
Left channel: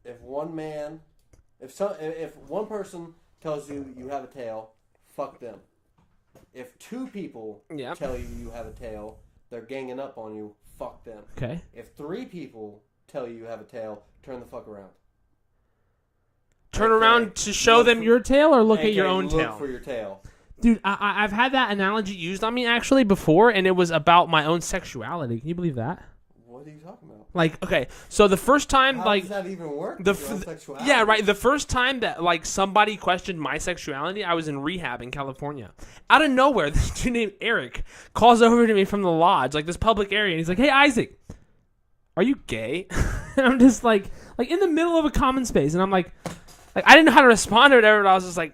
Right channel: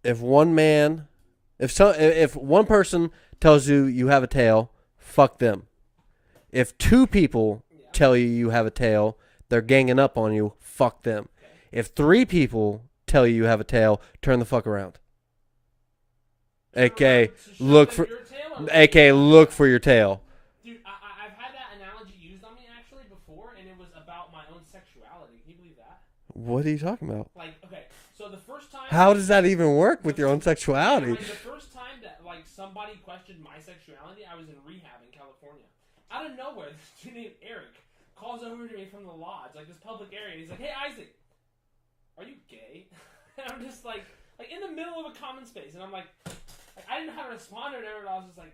if one person tells you you have a tail, fuck them. If two people Yeah. tell you have a tail, they're ganging up on you, fuck them. Okay. If three people tell you have a tail, turn the fuck around. Turn AK, around to show look them for- your tail or look AK, at your own look tail? for your tail. Dude, I've had that analogy used on me actually before, and it was about my own sexuality. Can you believe that? What are you talking about? Like, okay, so the first time, How like, does that even work with your own sexuality? Yeah, right. The first time that like somebody questioned my sexuality, I was in rehab in California. Out of nowhere, this dude named Eric calls over to me from the lodge, like this public area, and he's like, "Hey, Isaac, are you gay?" And I'm just like in the middle of a common space, and I'm like I didn't know how to respond to it. I was like,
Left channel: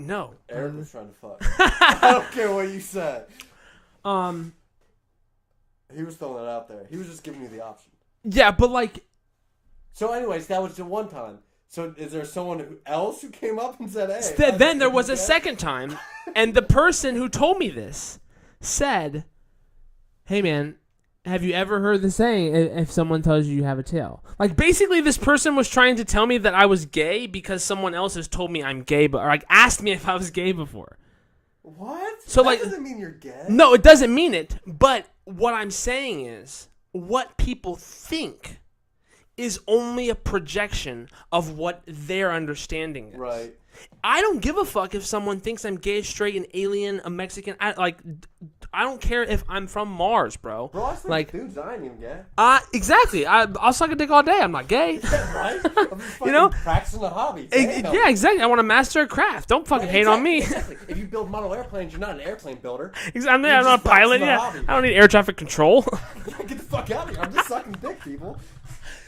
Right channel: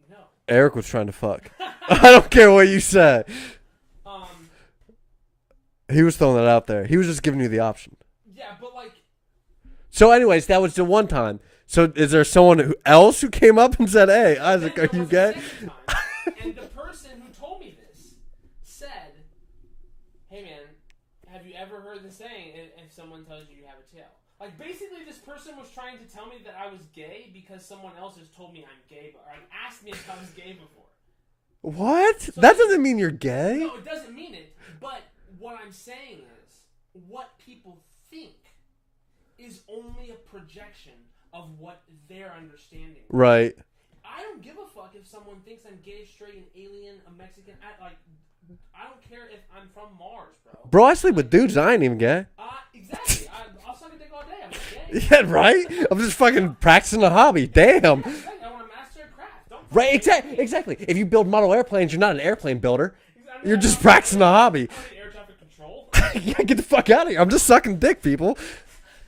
no. Eric was trying to fuck. I don't care what you say. He was throwing it out there. He was just giving you the option. Yeah, but like. So, anyways, that was the one time. So, is there someone else who came up and said, "Hey"? Isaac, Then there are was you a gay? second time, and the person who told me this said, "Hey, man, have you ever heard the saying, if someone tells you you have a tail?" Like, basically, this person was trying to tell me that I was gay because someone else has told me I'm gay, but or like asked me if I was gay before. What? So, that like- doesn't mean you're gay. No, it doesn't mean it. But what I'm saying is, what people think is only a projection of what their understanding is. Right. I don't give a fuck if someone thinks I'm gay, straight, an alien, a Mexican. I don't care if I'm from Mars, bro. Bro, I sleep Like- with dudes. I ain't even gay. Exactly. I'll suck a dick all day. I'm not gay. Yeah, right? I'm just fucking know? practicing a hobby. Damn. Yeah, exactly. I want to master a craft. Don't fucking Right, hate exactly, on me. Exactly. If you build model airplanes, you're not an airplane builder. I'm You're not just a practicing pilot a yet. hobby. I don't need air traffic control. Yeah, get the fuck out of here. I'm just sucking dick, people.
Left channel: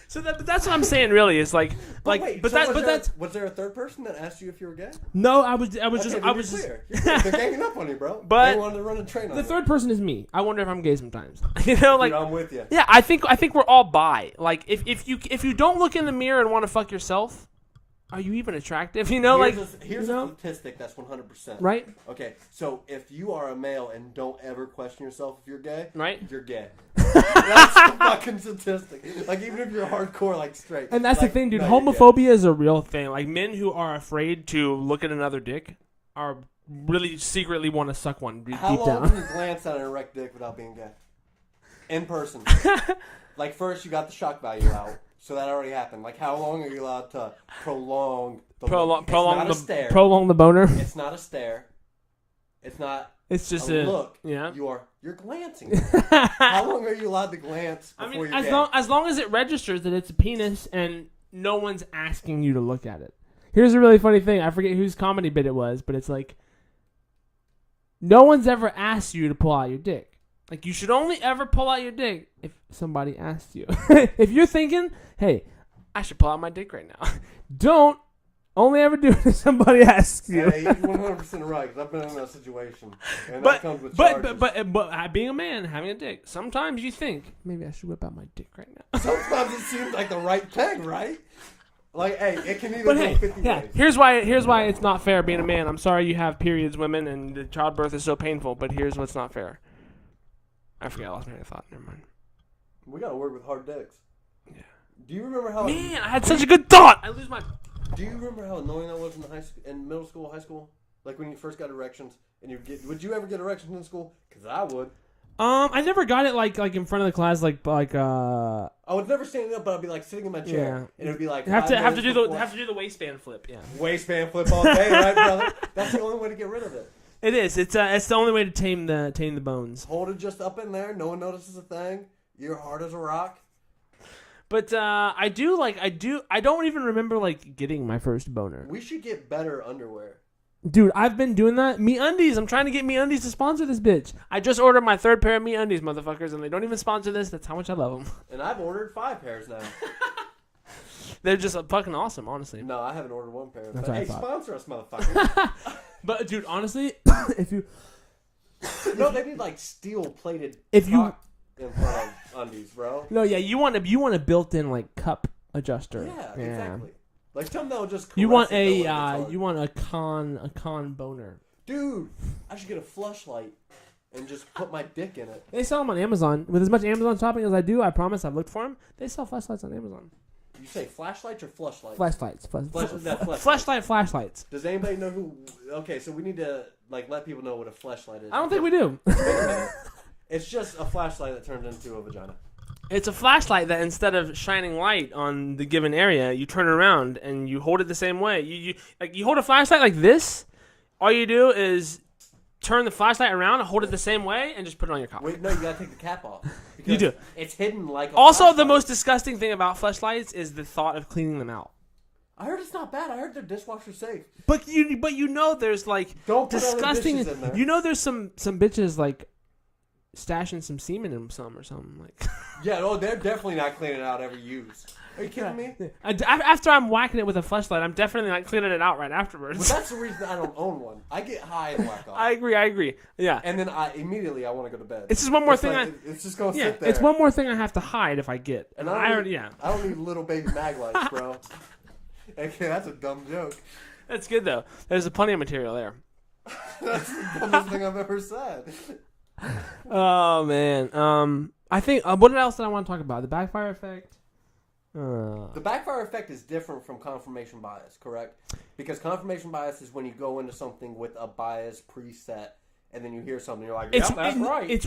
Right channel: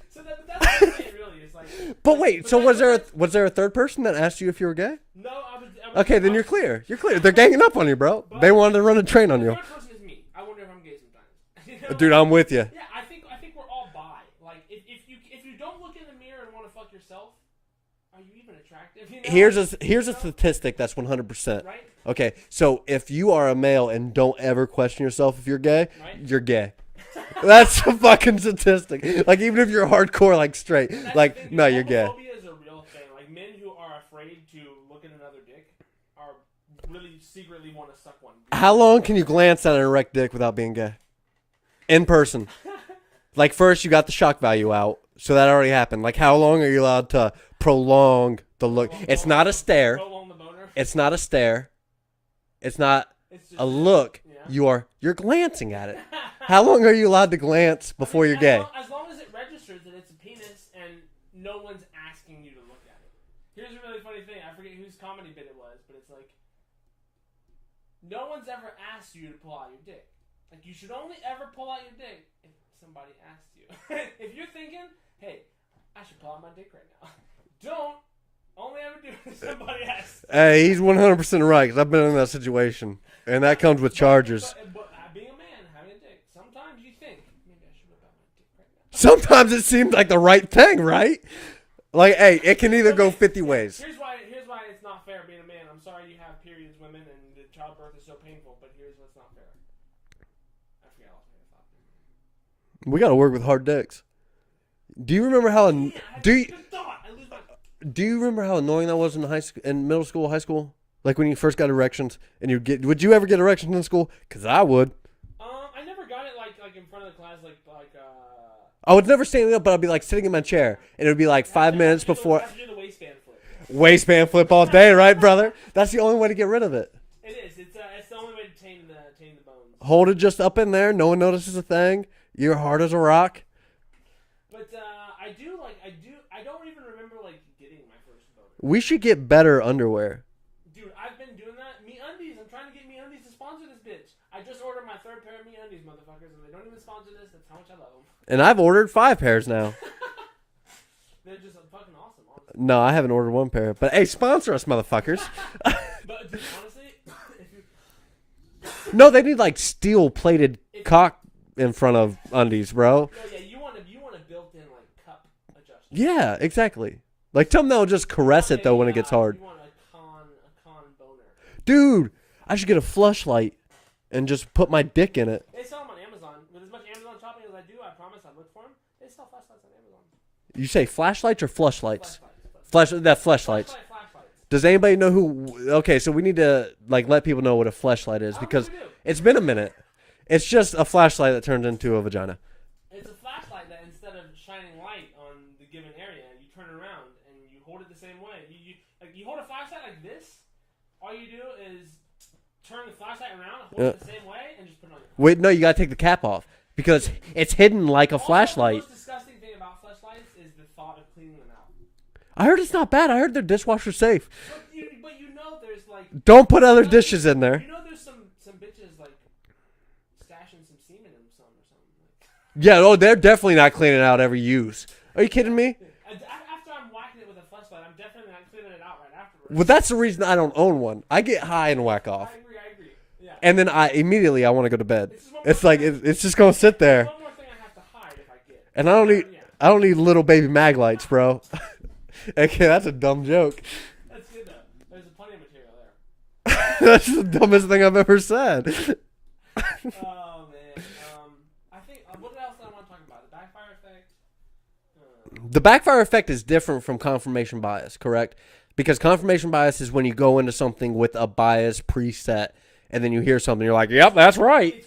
So that's what I'm saying. Really, is like. But like, wait, but so that- was but there that's- was there a third person that asked you if you were gay? No, I was. Okay, just, then I you're was just- clear. You're clear. They're ganging up on you, bro. But they wanted to run a train on The you. third person is me. I wonder if I'm gay sometimes. You know, Dude, like, I'm with you. yeah, I think we're all bi. Like, if you don't look in the mirror and want to fuck yourself, are you even attractive? You know, Here's like, a you know? statistic that's 100%. Right. Okay, so if you are a male and don't ever question yourself if you're gay, Right. you're gay. That's a fucking statistic. Like, even if you're hardcore, like, straight. And that's like, the thing, dude. no, you're gay. Homophobia is a real thing. Like, men who are afraid to look at another dick are really secretly want to suck one. How long can you glance at an erect dick without being gay? In person. Like, first, you got the shock value out, so that already happened. Like, how long are you allowed to prolong the look? It's not a stare. Prolong the boner. It's not a stare. It's not It's just a look. Yeah. You're glancing at it. How long are you allowed to glance before you're gay? As long as it registers that it's a penis and no one's asking you to look at it. Here's a really funny thing. I forget whose comedy bit it was, but it's like, no one's ever asked you to pull out your dick. Like, you should only ever pull out your dick if somebody asks you. If you're thinking, hey, I should pull out my dick right now, don't only ever do it if somebody asks you. Hey, he's 100% right because I've been in that situation, and that comes with charges. But being a man, having a dick, sometimes you think, maybe I should whip out my dick right now. Sometimes it seems like the right thing, right? Like, hey, it can either go 50 ways. Here's why it's not fair being a man. I'm sorry you have periods, women, and the childbirth is so painful, but here's what's not fair. I forgot, I lost my thought. Never mind. We got to work with hard dicks. Yeah. Do you remember how... Man, I had such a good thought! I lose my... Do you remember how annoying that was in middle school, high school? Like when you first got erections and would you ever get erections in school? Because I would. I never got it like in front of the class, I was never standing up, but I'd be like sitting in my chair, and it would be like 5 minutes before. Have to do the waistband flip. Yeah. Waistband flip all day, right, brother? That's the only way to get rid of it. It is. It's the only way to tame the bones. Hold it just up in there. No one notices a thing. You're hard as a rock. But I don't even remember like getting my first boner. We should get better underwear. Dude, I've been doing that. MeUndies. I'm trying to get MeUndies to sponsor this bitch. I just ordered my 3rd pair of MeUndies, motherfuckers, and they don't even sponsor this. That's how much I love them. And I've ordered 5 pairs now. They're just fucking awesome, honestly. No, I haven't ordered 1 pair. But hey, sponsor us, motherfuckers. But dude, honestly, if you no, they need like steel-plated cock in front of undies, bro. No, yeah, you want a built-in like cup adjuster. Yeah, exactly. Like something that'll just caress it though when it gets hard. You want a con boner. Dude, I should get a fleshlight and just put my dick in it. They sell them on Amazon. With as much Amazon shopping as I do, I promise I've looked for them. They sell flashlights on Amazon. You say flashlights or flushlights? Flashlights. Flashlights. Does anybody know who? Okay, so we need to like let people know what a flashlight is. I don't think we do. It's been a minute. It's just a flashlight that turns into a vagina. It's a flashlight that instead of shining light on the given area, you turn it around and you hold it the same way. You hold a flashlight like this. All you do is turn the flashlight around, hold it the same way, and just put it on your cock. Wait, no, you gotta take the cap off because it's hidden like a flashlight. Also, flashlight. the most disgusting thing about flashlights is the thought of cleaning them out. I heard it's not bad. I heard they're dishwasher safe. But you know there's like don't put other dishes in there. You know there's some bitches like stashing some semen in some or something like. Yeah, they're definitely not cleaning out every use. Are you kidding me? After I'm whacking it with a fleshlight, I'm definitely not cleaning it out right afterwards. Well, that's the reason I don't own one. I get high and whack off. I agree. Yeah. And then I want to go to bed. It's just one more thing. It's just gonna sit there. It's one more thing I have to hide if I get. And I don't need little baby mag lights, bro. Okay, that's a dumb joke. That's good though. There's plenty of material there. That's the dumbest thing I've ever said. Oh man. I think what else did I want to talk about? The backfire effect. The backfire effect is different from confirmation bias, correct? Because confirmation bias is when you go into something with a bias preset, and then you hear something, you're like, "Yep, that's right." It's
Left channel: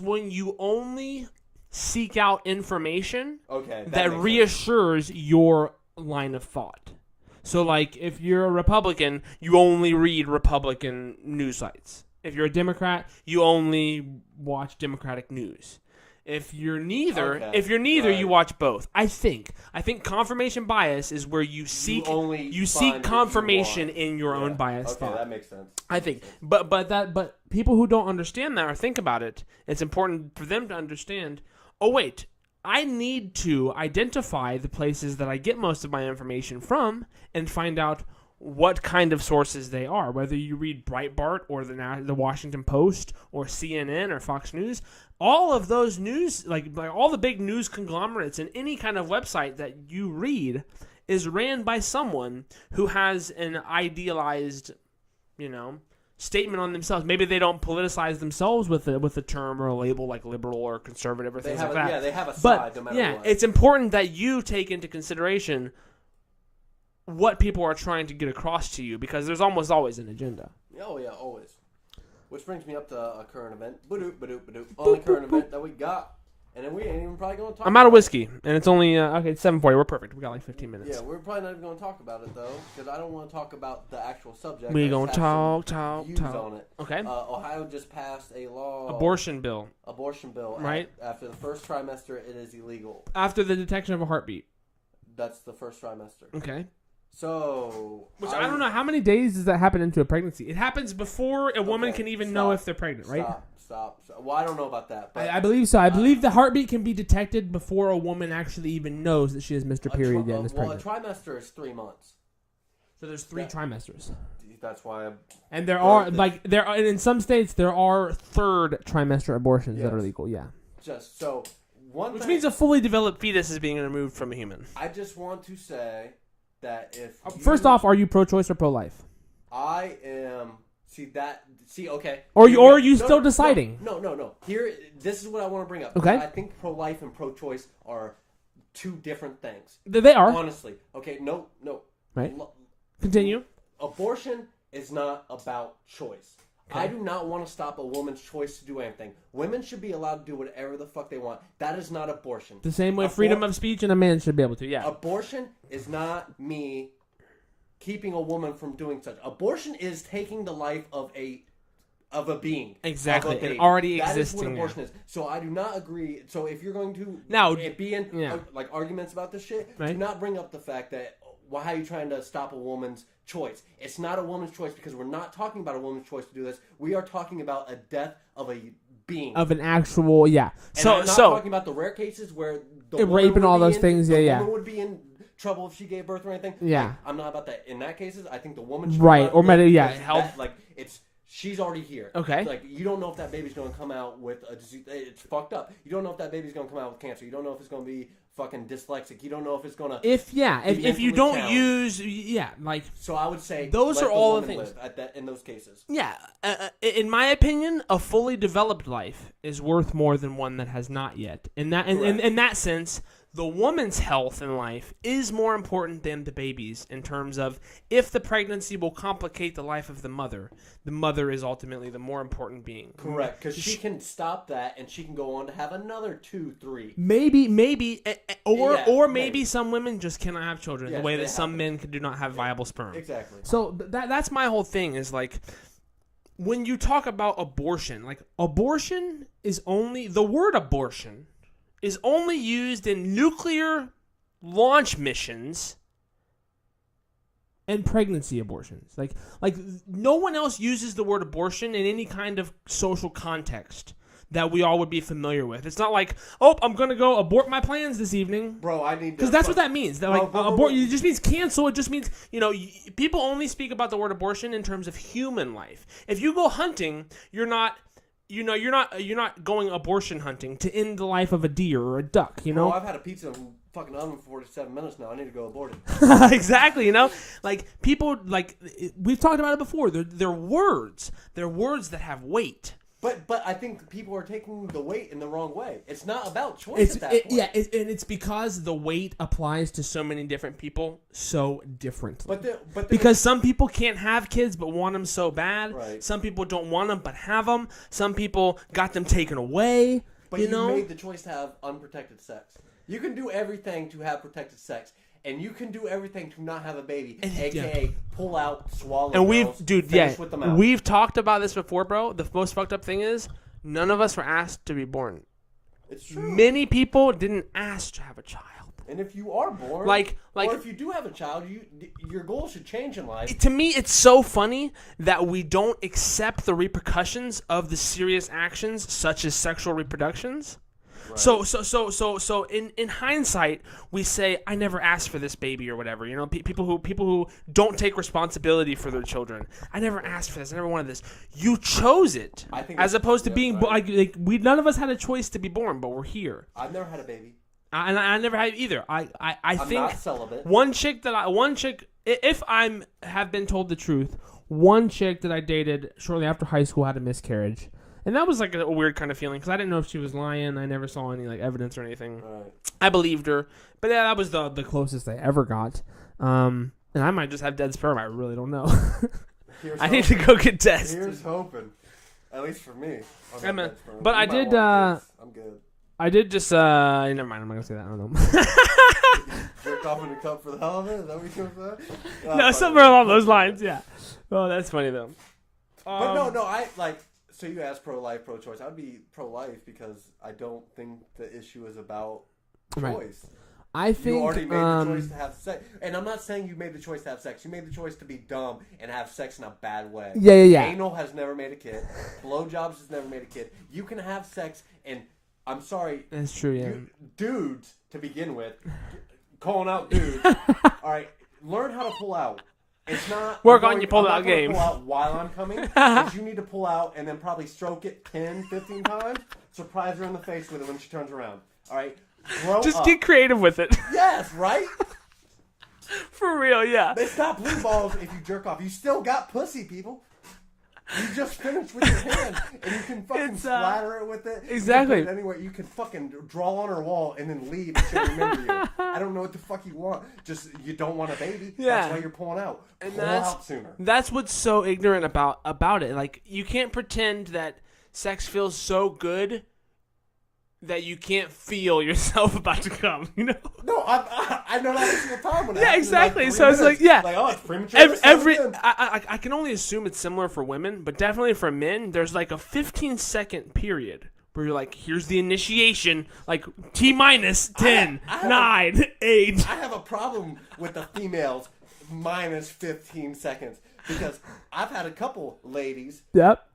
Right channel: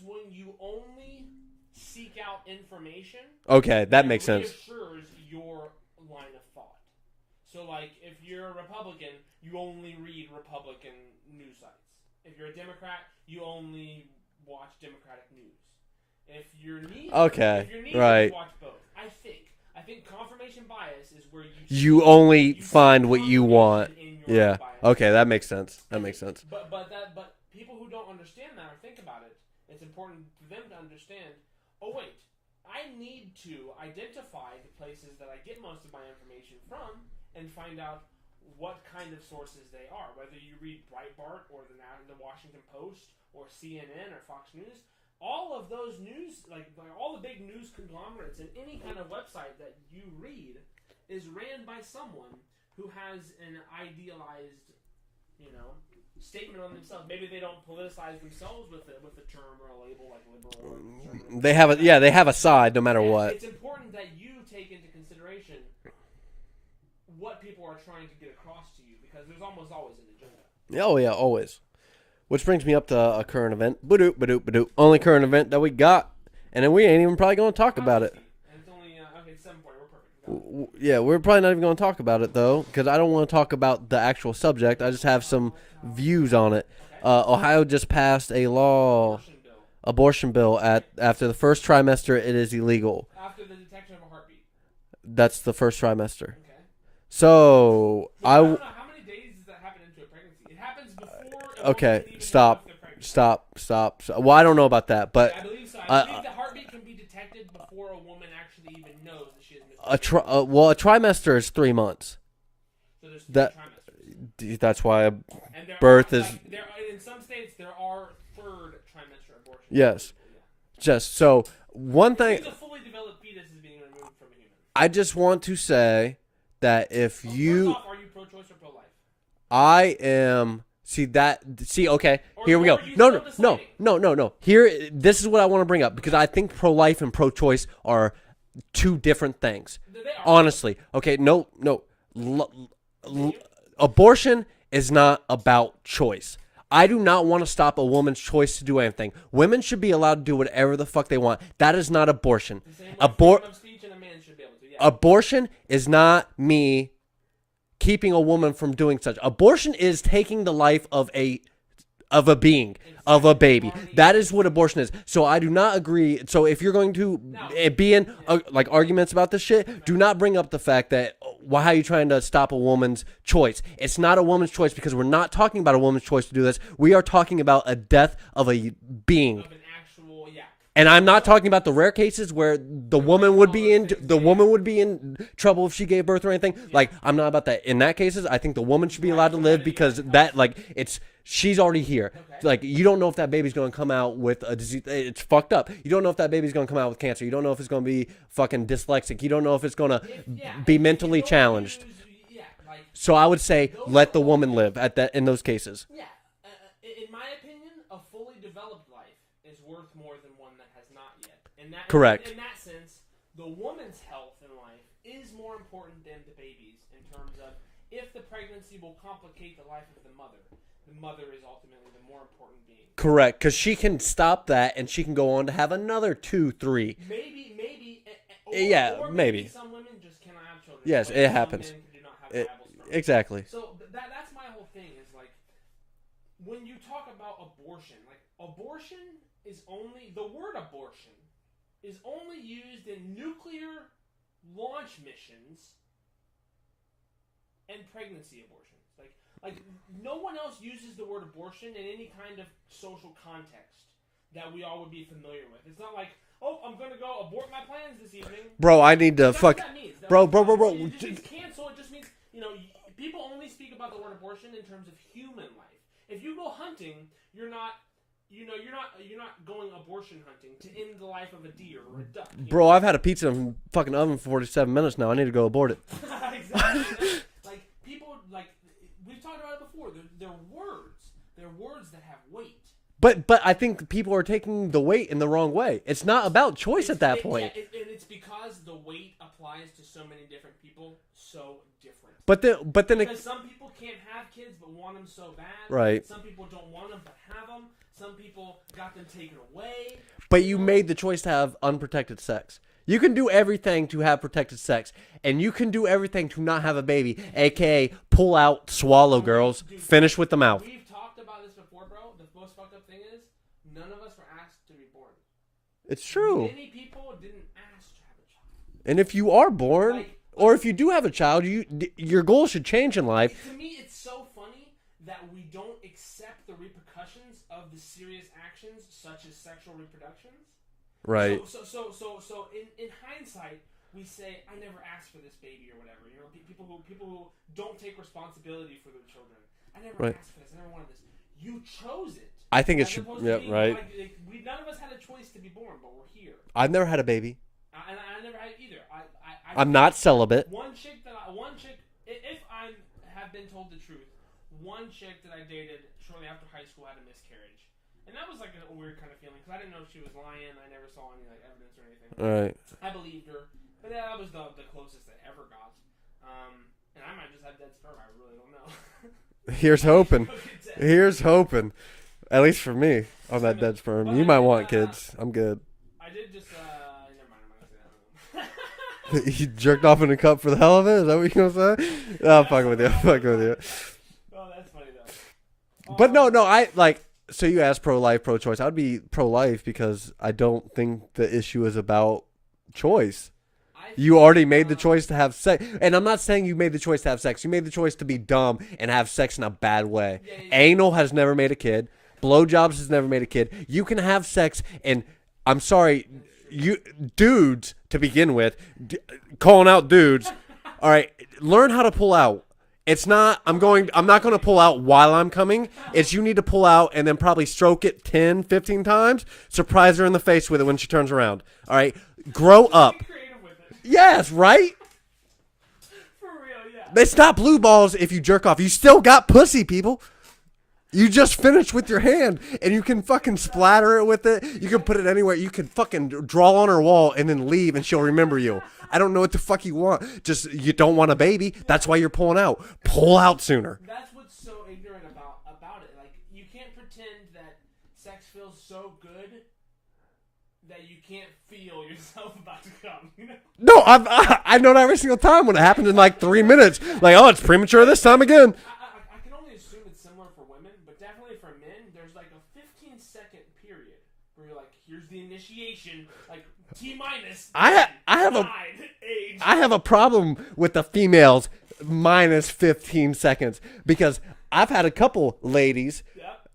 when you only seek out information. Okay, that makes sense. Reassures your line of thought. So, like, if you're a Republican, you only read Republican news sites. If you're a Democrat, you only watch Democratic news. If you're neither, right. You watch both. I think confirmation bias is where you find what you want in your own bias. Okay, thought. that makes sense. But people who don't understand that or think about it, it's important for them to understand. Oh wait, I need to identify the places that I get most of my information from and find out what kind of sources they are. Whether you read Breitbart or the Washington Post or CNN or Fox News. All of those news, like all the big news conglomerates and any kind of website that you read is ran by someone who has an idealized, statement on themselves. Maybe they don't politicize themselves with a term or a label like liberal or conservative. Or they have a side no matter what. It's important that you take into consideration what people are trying to get across to you because there's almost always an agenda. Oh yeah, always. Which brings me up to a current event. Only current event that we got. And then we ain't even probably going to talk about it. I'm out of whiskey. And it's only, it's 7:40. We're perfect. We got like 15 minutes. Yeah, we're probably not even going to talk about it, though. Because I don't want to talk about the actual subject. I just have some views on it. Okay. Ohio just passed a law. Abortion bill. Right. After the first trimester, it is illegal. After the detection of a heartbeat. That's the first trimester. Okay. So I don't know how many days does that happen into a pregnancy. It happens before a woman can even know if they're pregnant. Right? Stop. Well, I don't know about that, but I believe so. I believe the heartbeat can be detected before a woman actually even knows that she has missed her period. A trimester is 3 months. So there's three trimesters. That's why. And in some states there are third trimester abortions that are legal. Yeah. Just so one Which thing. means a fully developed fetus is being removed from a human. I just want to say that if you first off, are you pro-choice or pro-life? I am. Okay. Or are you still deciding? No. This is what I want to bring up because I think pro-life and pro-choice are two different things. They are. Honestly. Okay. No. Right. Continue. Abortion is not about choice. I do not want to stop a woman's choice to do anything. Women should be allowed to do whatever the fuck they want. That is not abortion. The same way freedom of speech and a man should be able to. Yeah. Abortion is not me keeping a woman from doing such. Abortion is taking the life of a being, of a baby. That is what abortion is. So I do not agree. So if you're going to be in arguments about this shit, do not bring up the fact that how are you trying to stop a woman's choice? It's not a woman's choice because we're not talking about a woman's choice to do this. We are talking about a death of a being. Of an actual, And I'm not talking about the rare cases where the woman would be in trouble if she gave birth or anything. Yeah. Like, I'm not about that. In that cases, I think the woman should be allowed to live because she's already here. Okay. Like, you don't know if that baby's going to come out with a disease. It's fucked up. You don't know if that baby's going to come out with cancer. You don't know if it's going to be fucking dyslexic. You don't know if it's going to be mentally challenged. So I would say let the woman live in those cases. Yeah. In my opinion, a fully developed life is worth more than one that has not yet. Correct. In that sense, the woman's health in life is more important than the baby's in terms of if the pregnancy will complicate the life of the mother is ultimately the more important being. Correct, because she can stop that and she can go on to have another 2, 3. Maybe, some women just cannot have children the way that some men do not have viable sperm. Exactly. So that's my whole thing is like, when you talk about abortion, like abortion is the word abortion is only used in nuclear launch missions and pregnancy abortions. Like no one else uses the word abortion in any kind of social context that we all would be familiar with. It's not like, I'm going to go abort my plans this evening. Bro, I need to That's what that means. Bro. It just means cancel. It just means, people only speak about the word abortion in terms of human life. If you go hunting, you're not going abortion hunting to end the life of a deer or a duck. Bro, I've had a pizza in fucking oven for 47 minutes now. I need to go abort it. Exactly, like people, like we've talked about it before. They're words. They're words that have weight. But I think people are taking the weight in the wrong way. It's not about choice at that point. Yeah, and it's because the weight applies to so many different people so differently. But because some people can't have kids but want them so bad. Right. Some people don't want them but have them. Some people got them taken away. But you made the choice to have unprotected sex. You can do everything to have protected sex, and you can do everything to not have a baby, a.k.a. pull out, swallow girls, finish with them out. We've talked about this before, bro. The most fucked up thing is none of us were asked to be born. It's true. Many people didn't ask to have a child. And if you are born, or if you do have a child, your goal should change in life. To me, it's so funny that we don't accept the repercussions of the serious actions such as sexual reproductions. Right. So in hindsight, we say I never asked for this baby or whatever. People who don't take responsibility for their children. I never asked for this. I never wanted this. You chose it. I think as opposed to being none of us had a choice to be born, but we're here. I've never had a baby. And I never had either. I'm not celibate. If I have been told the truth, one chick that I dated shortly after high school had a miscarriage. And that was like a weird kind of feeling because I didn't know if she was lying. I never saw any evidence or anything. Right. I believed her, but yeah, that was the closest I ever got. And I might just have dead sperm. I really don't know. Here's hoping. I need to go get tested. Here's hoping. At least for me, I'm at dead sperm. But you might want kids. I'm good. I did just. Never mind. I'm not gonna say that. I don't know. You jerked off in a cup for the hell of it? Is that what you're gonna say? No, somewhere along those lines. Yeah. Oh, that's funny though. But no. I like. So you asked pro-life, pro-choice. I'd be pro-life because I don't think the issue is about choice. I think, You already made the choice to have sex. And I'm not saying you made the choice to have sex. You made the choice to be dumb and have sex in a bad way. Yeah. Anal has never made a kid. Blowjobs has never made a kid. You can have sex, and I'm sorry, That's true. you dudes to begin with, calling out dudes. All right, learn how to pull out. It's not. I'm I'm not going to game. pull out while I'm coming. It's you need to pull out and then probably stroke it 10, 15 times. Surprise her in the face with it when she turns around. All right, grow Just up. get creative with it. Yes, right. For real, yeah. It's not blue balls if you jerk off. You still got pussy, people. You just finished with your hand, and you can fucking splatter it with it. You can Exactly. put it anywhere. You can fucking draw on her wall and then leave, and she'll remember you. I don't know what the fuck you want. Just you don't want a baby. That's Yeah. why you're pulling out. Pull out sooner. That's what's so ignorant about it. Like, you can't pretend that sex feels so good that you can't feel yourself about to come, you know? No, I know that every single time when it happens exactly. in like 3 So it's minutes. like, yeah. Like, oh, it's premature this time again. I can only assume it's similar for women, but definitely for men, there's like a 15-second period where you're like, here's the initiation, like T-minus 10, I have 9, 8. I have a problem with the females minus 15 seconds because I've had a couple ladies. Yep.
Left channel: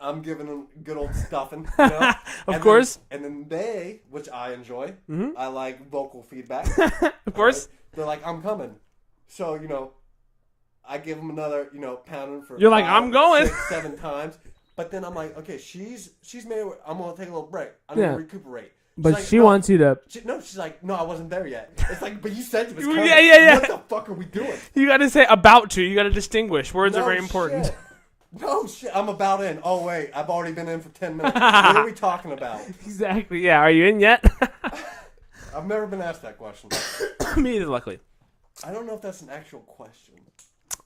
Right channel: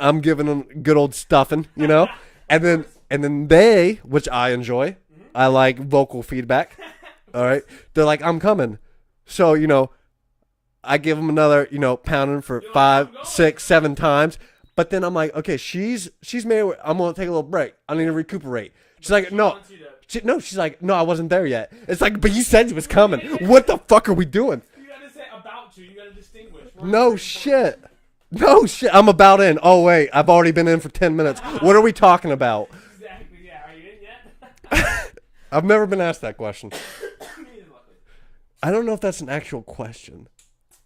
I'm giving them good old stuffing, you know? Of course. And then they, which I enjoy, I like vocal feedback. Of course. They're like, I'm coming. So, you know, I give them another, you know, pounding for You're like, 5, I'm going. 6, 7 times. But then I'm like, okay, she's made. I'm gonna take a little break. I need Yeah. to recuperate. She's But like, she no. wants you to. She's like, no, I wasn't there yet. It's like, but you said you was Yeah, coming. yeah. What the fuck are we doing? You got to say about to. You got to distinguish. Words are No very important. shit. No shit. I'm about in. Oh wait, I've already been in for 10 minutes. What are we talking about? Exactly. Yeah. Are you in yet? I've never been asked that question. Me either, luckily. I don't know if that's an actual question.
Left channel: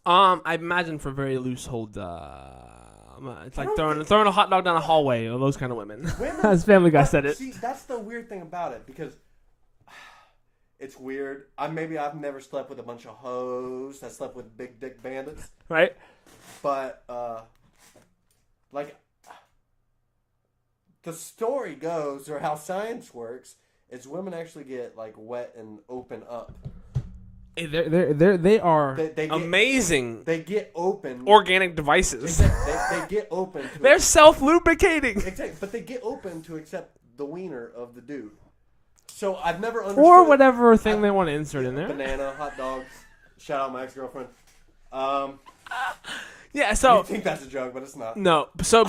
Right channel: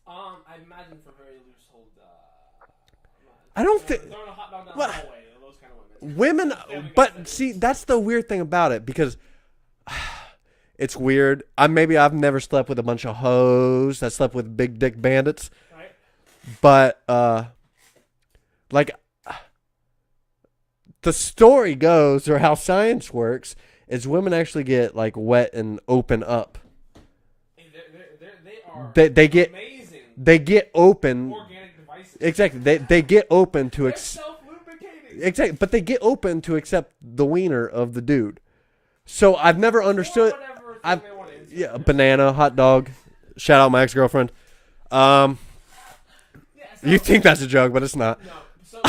I imagine for very loose hold. I don't throwing a hot dog down a hallway. Or those kind of women. Women. As Family Guy but said it. See, that's the weird thing about it because it's weird. Maybe I've never slept with a bunch of hoes that slept with big dick bandits. Right. But like the story goes, or how science works, is women actually get like wet and open up. Hey, they are. They get amazing. They get open. Organic devices. Exactly. They get open to. They're self lubricating. Exactly. But they get open to accept the wiener of the dude. So I've never understood. Or whatever thing they want to insert in there. Banana, hot dog. Shout out my ex-girlfriend. Yeah. So You think that's a joke, but it's not. no. So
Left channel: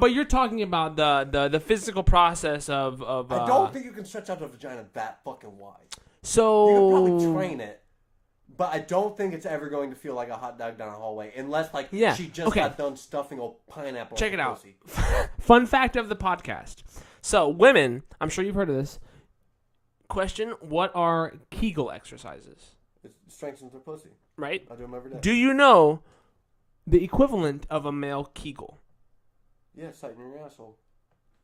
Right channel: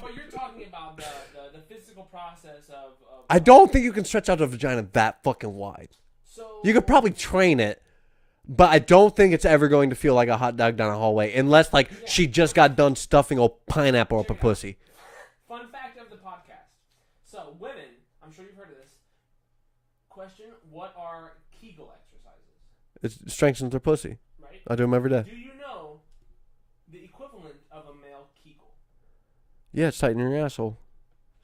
but you're talking about the physical process of. I don't think you can stretch out a vagina that fucking wide. So. You could probably train it, but I don't think it's ever going to feel like a hot dog down a hallway unless like Yeah, she just okay. got done stuffing a pineapple Check up it her out. pussy. Fun fact of the podcast. So women, I'm sure you've heard of this. Question: what are Kegel exercises? It strengthens their pussy. Right. I do them every day. Do you know the equivalent of a male Kegel? Yeah, it's tighten your asshole.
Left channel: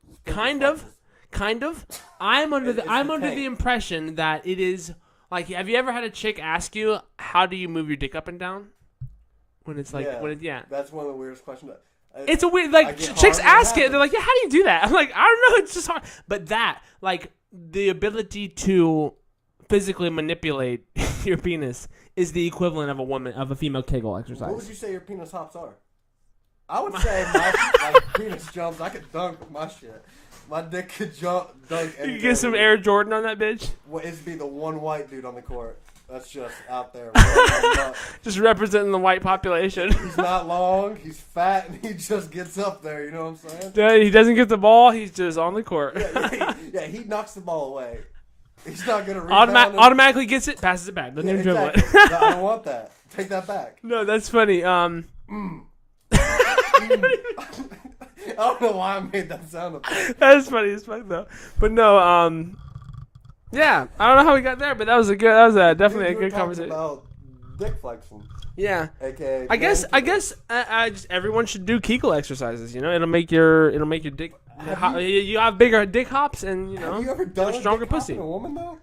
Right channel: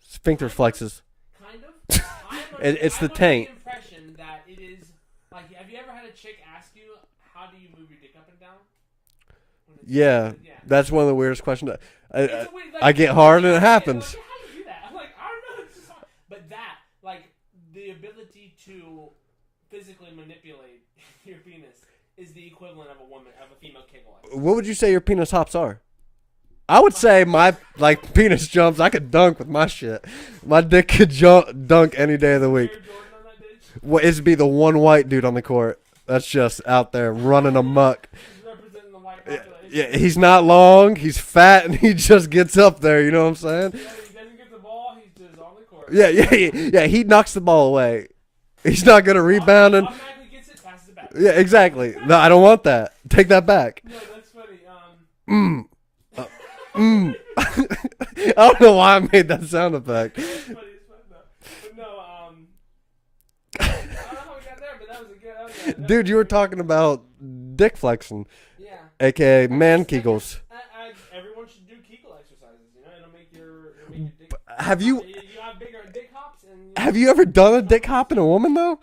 Sphincter Kind of. flexes. Kind of. I'm under, It's I'm the under tank. the impression that it is like. Have you ever had a chick ask you, "How do you move your dick up and down?" When it's like, Yeah, when yeah. that's one of the weirdest questions. It's a weird like I get chicks hard and it ask it. happens. They're like, "Yeah, how do you do that?" I'm like, "I don't know. It's just hard." But that like the ability to physically manipulate your penis is the equivalent of a female Kegel exercise. What would you say your penis hops are? I would say my like penis jumps. I could dunk with my shit. My dick could dunk any day Get of the some week. Air Jordan on that bitch. Well, it'd be the one white dude on the court. That's just out there running amok. Just representing the white population. Yeah, he's not long. He's fat, and he just gets up there. You know what I'm saying? Yeah, he doesn't get the ball. He's just on the court. Yeah. He knocks the ball away. He's not gonna rebound. Automatically gets it, passes it back. That's Yeah, a good exactly. one. No, I don't want that. Take that back. No, that's funny. I don't know why I made that sound effect. That's funny as fuck though. But no, yeah, I don't know how we got there, but that was definitely. Dude, you a were good talking conversation. about dick flexing, Yeah. aka I man guess kegels. I just everyone should do Kegel exercises. You know, it'll make your dick. Have You have bigger dick hops and. Have you ever done a stronger dick hop pussy. in a woman though?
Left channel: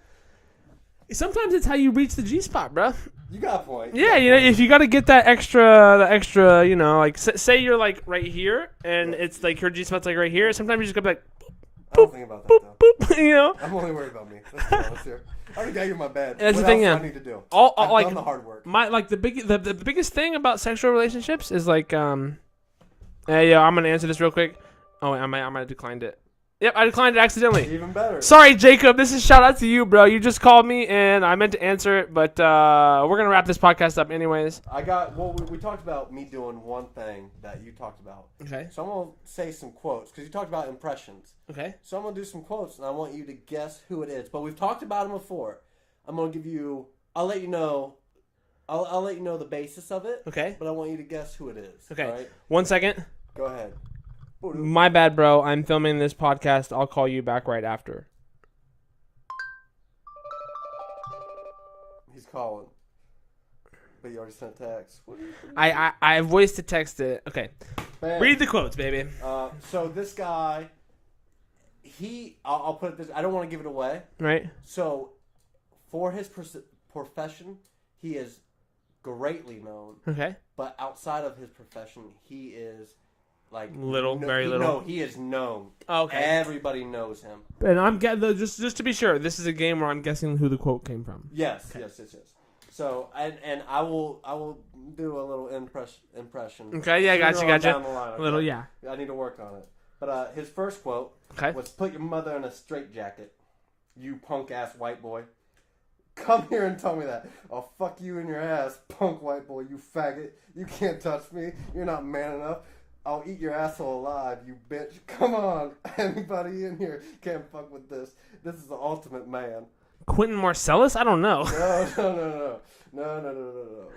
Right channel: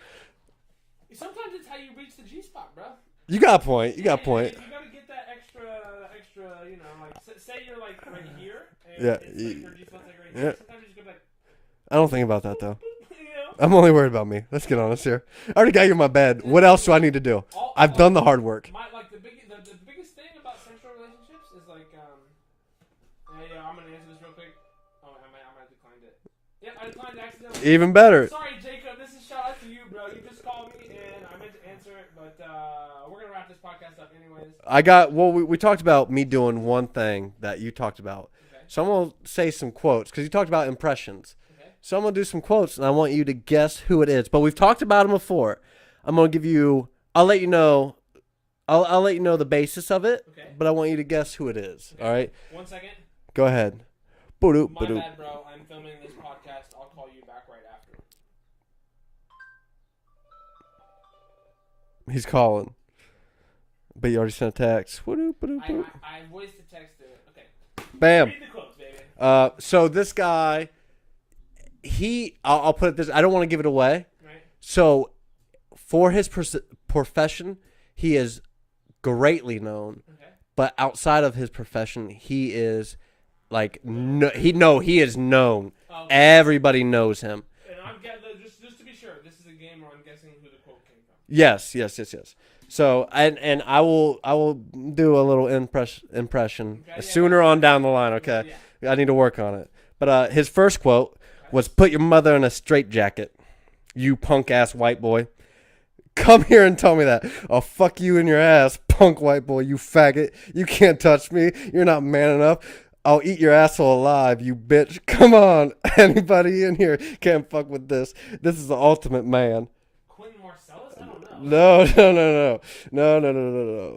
Sometimes it's how you reach the G spot, bro. You got a point. Yeah, you know, if you got to get that extra, you know, like say you're like right here, and Yeah. it's like your G spot's like right here. Yeah. Sometimes you just go like, I don't think about that though. boop, you know. I'm only worried about me. Let's get honest here. I already got you in my bed. That's What the else thing, do I need to do? I've like, done the hard work. The biggest thing about sexual relationships is like hey, I'm gonna answer this real quick. Oh, I might have declined it. Yep, I declined it accidentally. Even better. Sorry, Jacob. This is shout out to you, bro. You just called me and I meant to answer it, but we're gonna wrap this podcast up anyways. We talked about me doing one thing that you talked about. Okay. So I'm gonna say some quotes because you talked about impressions. Okay. So I'm gonna do some quotes and I want you to guess who it is. But we've talked about them before. I'm gonna give you. I'll let you know. I'll let you know the basis of it. Okay. But I want you to guess who it is. Okay. All right. 1 second. Go ahead. My bad, bro. I'm filming this podcast. I'll call you back right after. He's calling. But you already sent a text. I voice to text it. Okay. Bam. Read the quotes, baby. So this guy, I'll put it this. I don't want to give it away. Right. So, for his profession, he is greatly known. Okay. But outside of his profession, he is like he is known. Oh, okay. Everybody knows him. And I'm getting just to be sure, this is a game where I'm guessing who the quote came from. Yes. So and I will do a little impression. Okay, yeah, sooner gotcha. on down the line. Okay, little, yeah. I need to work on it. But his first quote was, "Put your mother in a straitjacket, you punk ass white boy. Come here and tell me that. I'll fuck you in your ass, punk white boy, you faggot. You can't touch me. You're not man enough. I'll eat your asshole alive, you bitch. Come on. Anybody in here can't fuck with this. This is the ultimate man." Quentin Marcellus? I don't know. No.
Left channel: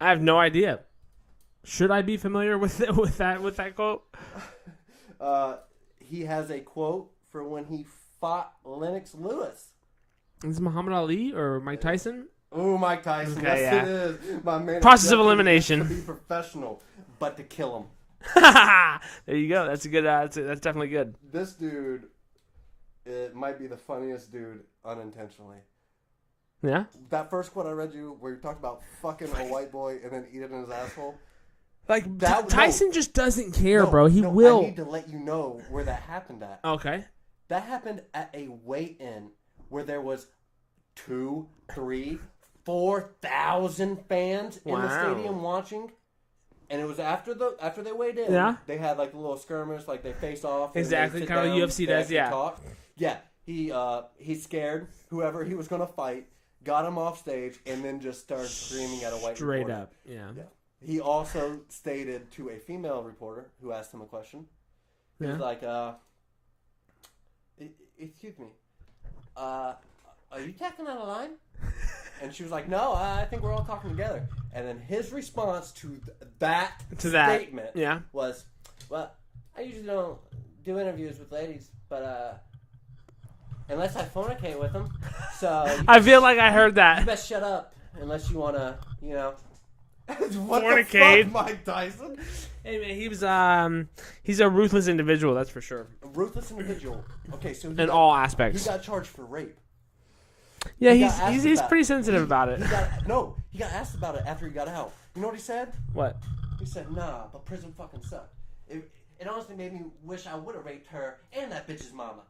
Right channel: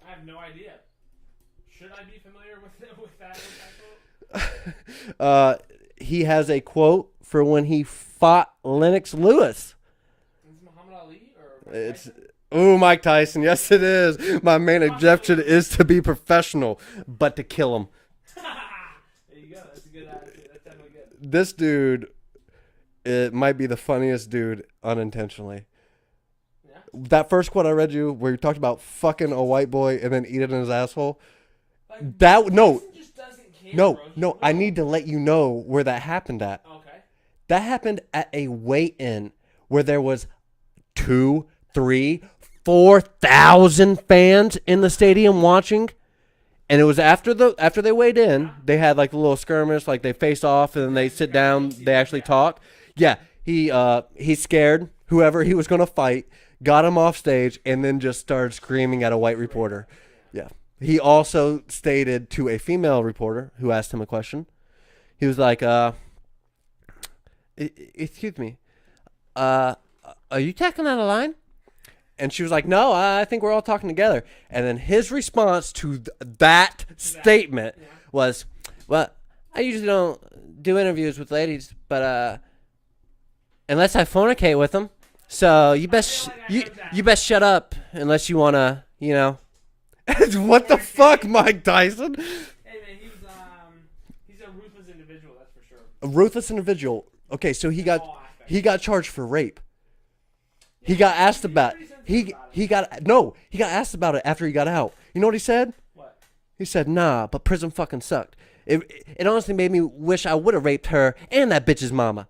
I have no idea. Should I be familiar with that quote? He has a quote for when he fought Lennox Lewis. Is it Muhammad Ali or Mike Tyson? Oh, Mike Tyson. Okay, yes, yeah. it is. My main Process of objective is elimination. to be professional, but to kill him. There you go. That's a good. That's definitely good. This dude, it might be the funniest dude unintentionally. Yeah. That first quote I read you, where you talked about fucking a white boy and then eat it in his asshole. Like that. Tyson just doesn't care, bro. He will. I need to let you know where that happened at. Okay. That happened at a weigh-in where there was 2, 3, 4,000 fans in the stadium watching, and it was after they weighed in. Yeah. They had like a little skirmish, like they face off and then they sit down. They actually talk. Yeah, he scared whoever he was gonna fight, got him off stage, and then just started screaming at a white Straight reporter. up, Yeah. He also stated to a female reporter who asked him a question. He was like, "Excuse me, are you tackling out a line?" And she was like, "No, I think we're all talking together." And then his response to that statement was, "Well, I usually don't do interviews with ladies, but unless I fornicate with them. So you best, I feel like I heard that. You best shut up unless you want to, you know." What the Fornicate. fuck, Mike Tyson? Hey man, he's a ruthless individual, that's for sure. A ruthless individual. Okay, so In all aspects. He got charged for rape. Yeah, he got asked he's about. pretty sensitive about it. He got asked about it after he got out. You know what he said? What? He said, "Nah, but prison fucking sucked. It honestly made me wish I would have raped her and that bitch's mama."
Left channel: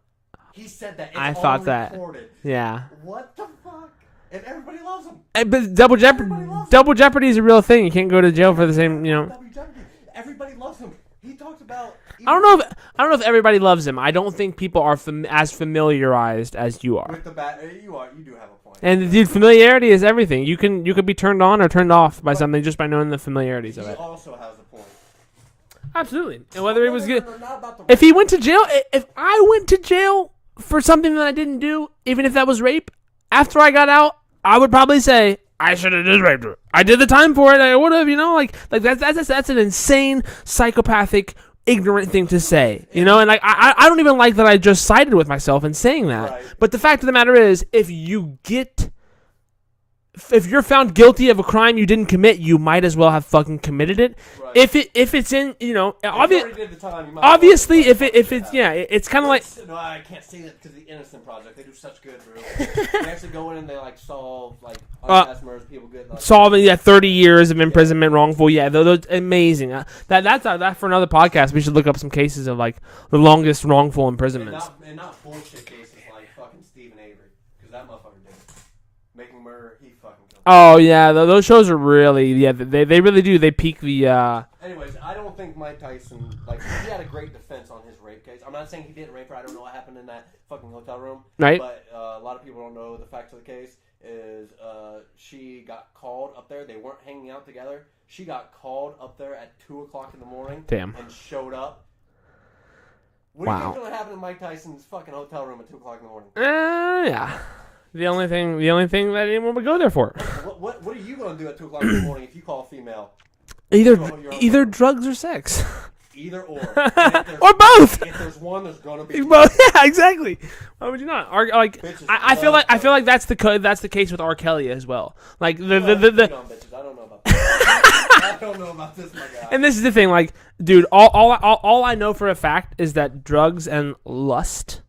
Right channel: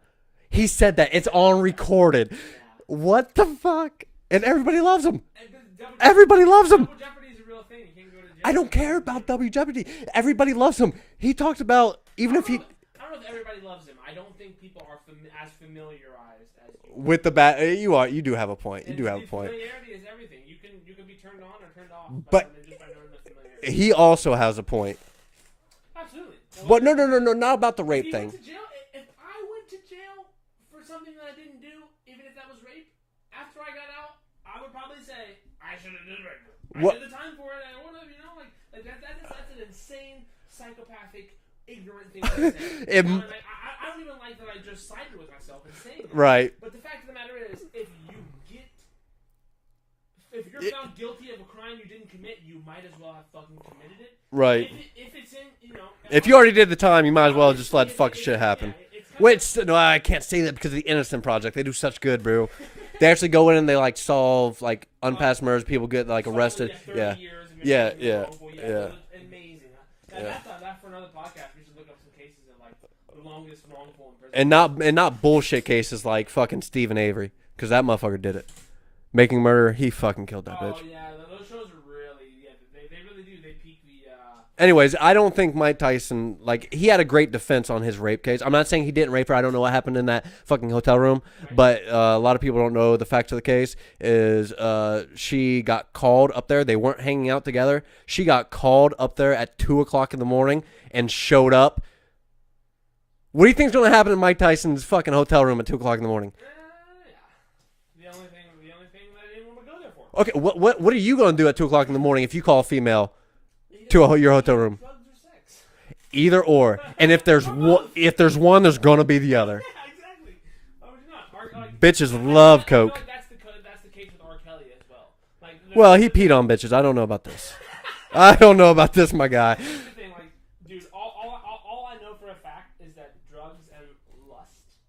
He said that. It's on recorded. Yeah. What the fuck? And everybody loves him. But Double Jeopardy. Everybody loves him. Double Jeopardy is a real thing. You can't go to jail I for don't the care same. You know. about Double Jeopardy. Everybody loves him. He talked about. I don't know if everybody loves him. I don't think people are as familiarized as you are. With the bat, you do have a point. And dude, familiarity is everything. You can be turned on or turned off by something just by knowing the familiarity. He also has a point. Absolutely. And But no, not about the rape. If he thing. went to jail, if I went to jail for something that I didn't do, even if that was rape, after I got out, I would probably say I should have just raped her. I did the time for it. I would have, like that's an insane, psychopathic, ignorant thing to say, and like I don't even like that I just sided with myself in saying that. Right. But the fact of the matter is, if you get if you're found guilty of a crime you didn't commit, you might as well have fucking committed it. Right. If it's in, if you already did the time, you might as well obviously just if let it's fuck shit happen. yeah, it's kind of like No, I can't say that because of the Innocent Project. They do such good, bro. They actually go in and they like solve like unpast murders. People get like solving arrested. 30 years of imprisonment, yeah. wrongful. Yeah, Yeah. those amazing. That for another podcast. We should look up some cases of like the longest wrongful imprisonment. and not bullshit cases like fucking Stephen Avery, because that motherfucker did it. Making Murder, he fucking killed. Oh yeah, those shows are really they really do. They peak the. Anyways, I don't think Mike Tyson, like, he had a great defense on his rape case. I'm not saying he didn't rape her. I don't know what happened in that fucking hotel room. Right. But a lot of people don't know the facts of the case is she got called up there. They weren't hanging out together. She got called up there at 2 o'clock in the morning. Damn. And showed up. What do you think's going to happen in Mike Tyson's fucking hotel room at 2 o'clock in the morning? Yeah. The only thing that anyone would go there for. Okay, what are you going to do at 2 o'clock in the morning if you call a female? Either your hotel either room. drugs or sex. Either or. And if there's Or both. If there's one, there's going to be the Well, other. yeah, exactly. Why would you not? Like Bitches I love feel coke. like that's the case with R. Kelly as well. Like He peed on bitches. I don't know about that. I don't know about this, my guy. And this is the thing, like, dude, all I know for a fact is that drugs and lust,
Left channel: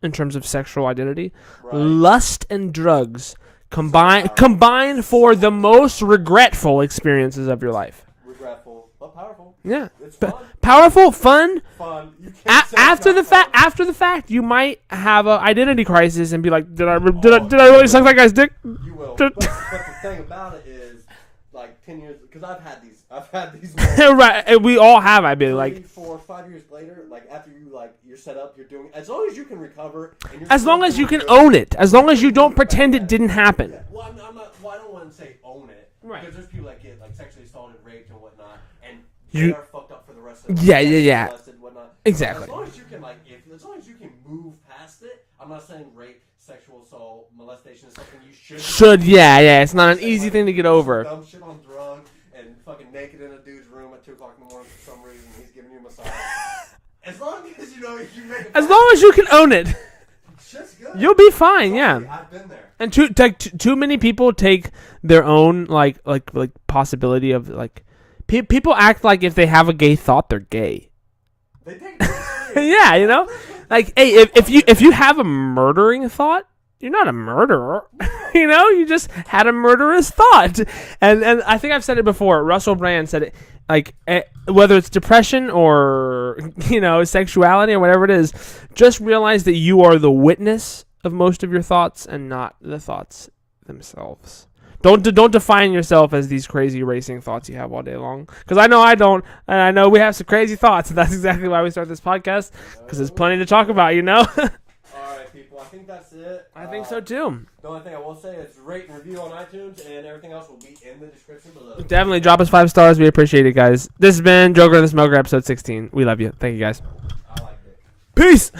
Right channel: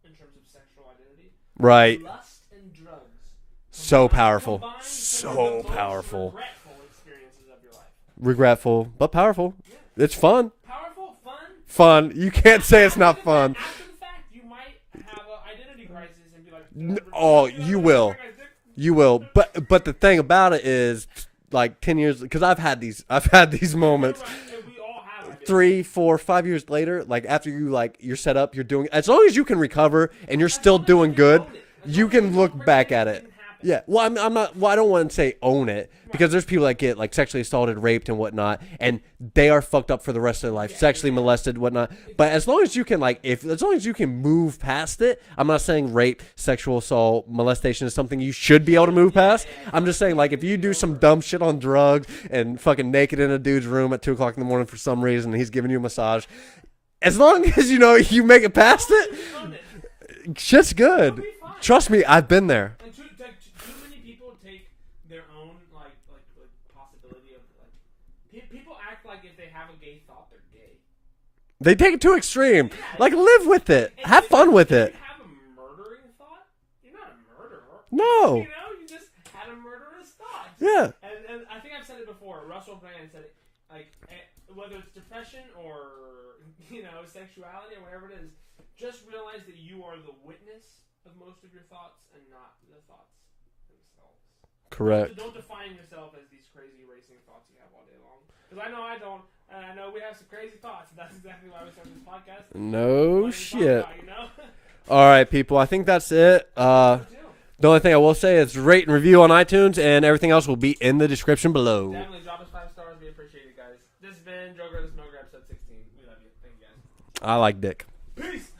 in terms of sexual identity, Right. lust and drugs powerful. combined for So the most powerful. regretful experiences of your life. Regretful, but powerful. Yeah, It's fun. powerful, fun. Fun. You can't say it's After not the fun. after the fact, you might have a identity crisis and be like, did I Oh, really you suck will. that guy's dick? You will. But the thing about it is, like 10 years, because I've had these moments. Right, and we all have. I've been 3, like, 4, 5 years later, like after you're set up, you're doing, as long as you can recover and you're as still long as doing you can good, own it, as long as can you don't look back pretend at it didn't happen. Yeah. Well, I'm not. Well, I don't want to say own it because there's people that get like sexually assaulted, raped, and whatnot, and they are fucked up for the rest of their life. Yeah, sexually yeah. molested, whatnot. Exactly. But as long as you can, like, as long as you can move past it, I'm not saying rape, sexual assault, molestation is something you should be able to move past. Yeah. It's I'm not just an saying, easy like, thing if to you get do over. some dumb shit on drugs and fucking naked in a dude's room at 2 o'clock in the morning for some reason, and he's giving you a massage. As long as you make it past As long as you can own it, shit's good. you'll be fine. Trust yeah. me, I've been there. And too many people take their own like possibility of like people act like if they have a gay thought they're gay. They take it to extreme. Yeah, you like, know? live with it. Like, hey, Have fun with if it. you have a murdering thought, you're not a murderer. No. You know, you just had a murderous thought. Yeah. And I think I've said it before. Russell Brand said it. Like, whether it's depression or, sexuality or whatever it is, just realize that you are the witness of most of your thoughts and not the thoughts themselves. Correct. Don't define yourself as these crazy racing thoughts you have all day long. Because I know I don't, and I know we have some crazy thoughts, and that's exactly why we start this podcast. No Because there's plenty to talk shit. about, All right, people. I think that's it. I think so too. The only thing I will say is rate and review on iTunes, and everything else will be in the description below. Definitely drop us 5 stars. We appreciate it, guys. This has been Joker and the Smoker, episode 16. We love you. Thank you, guys. I like dick. Peace.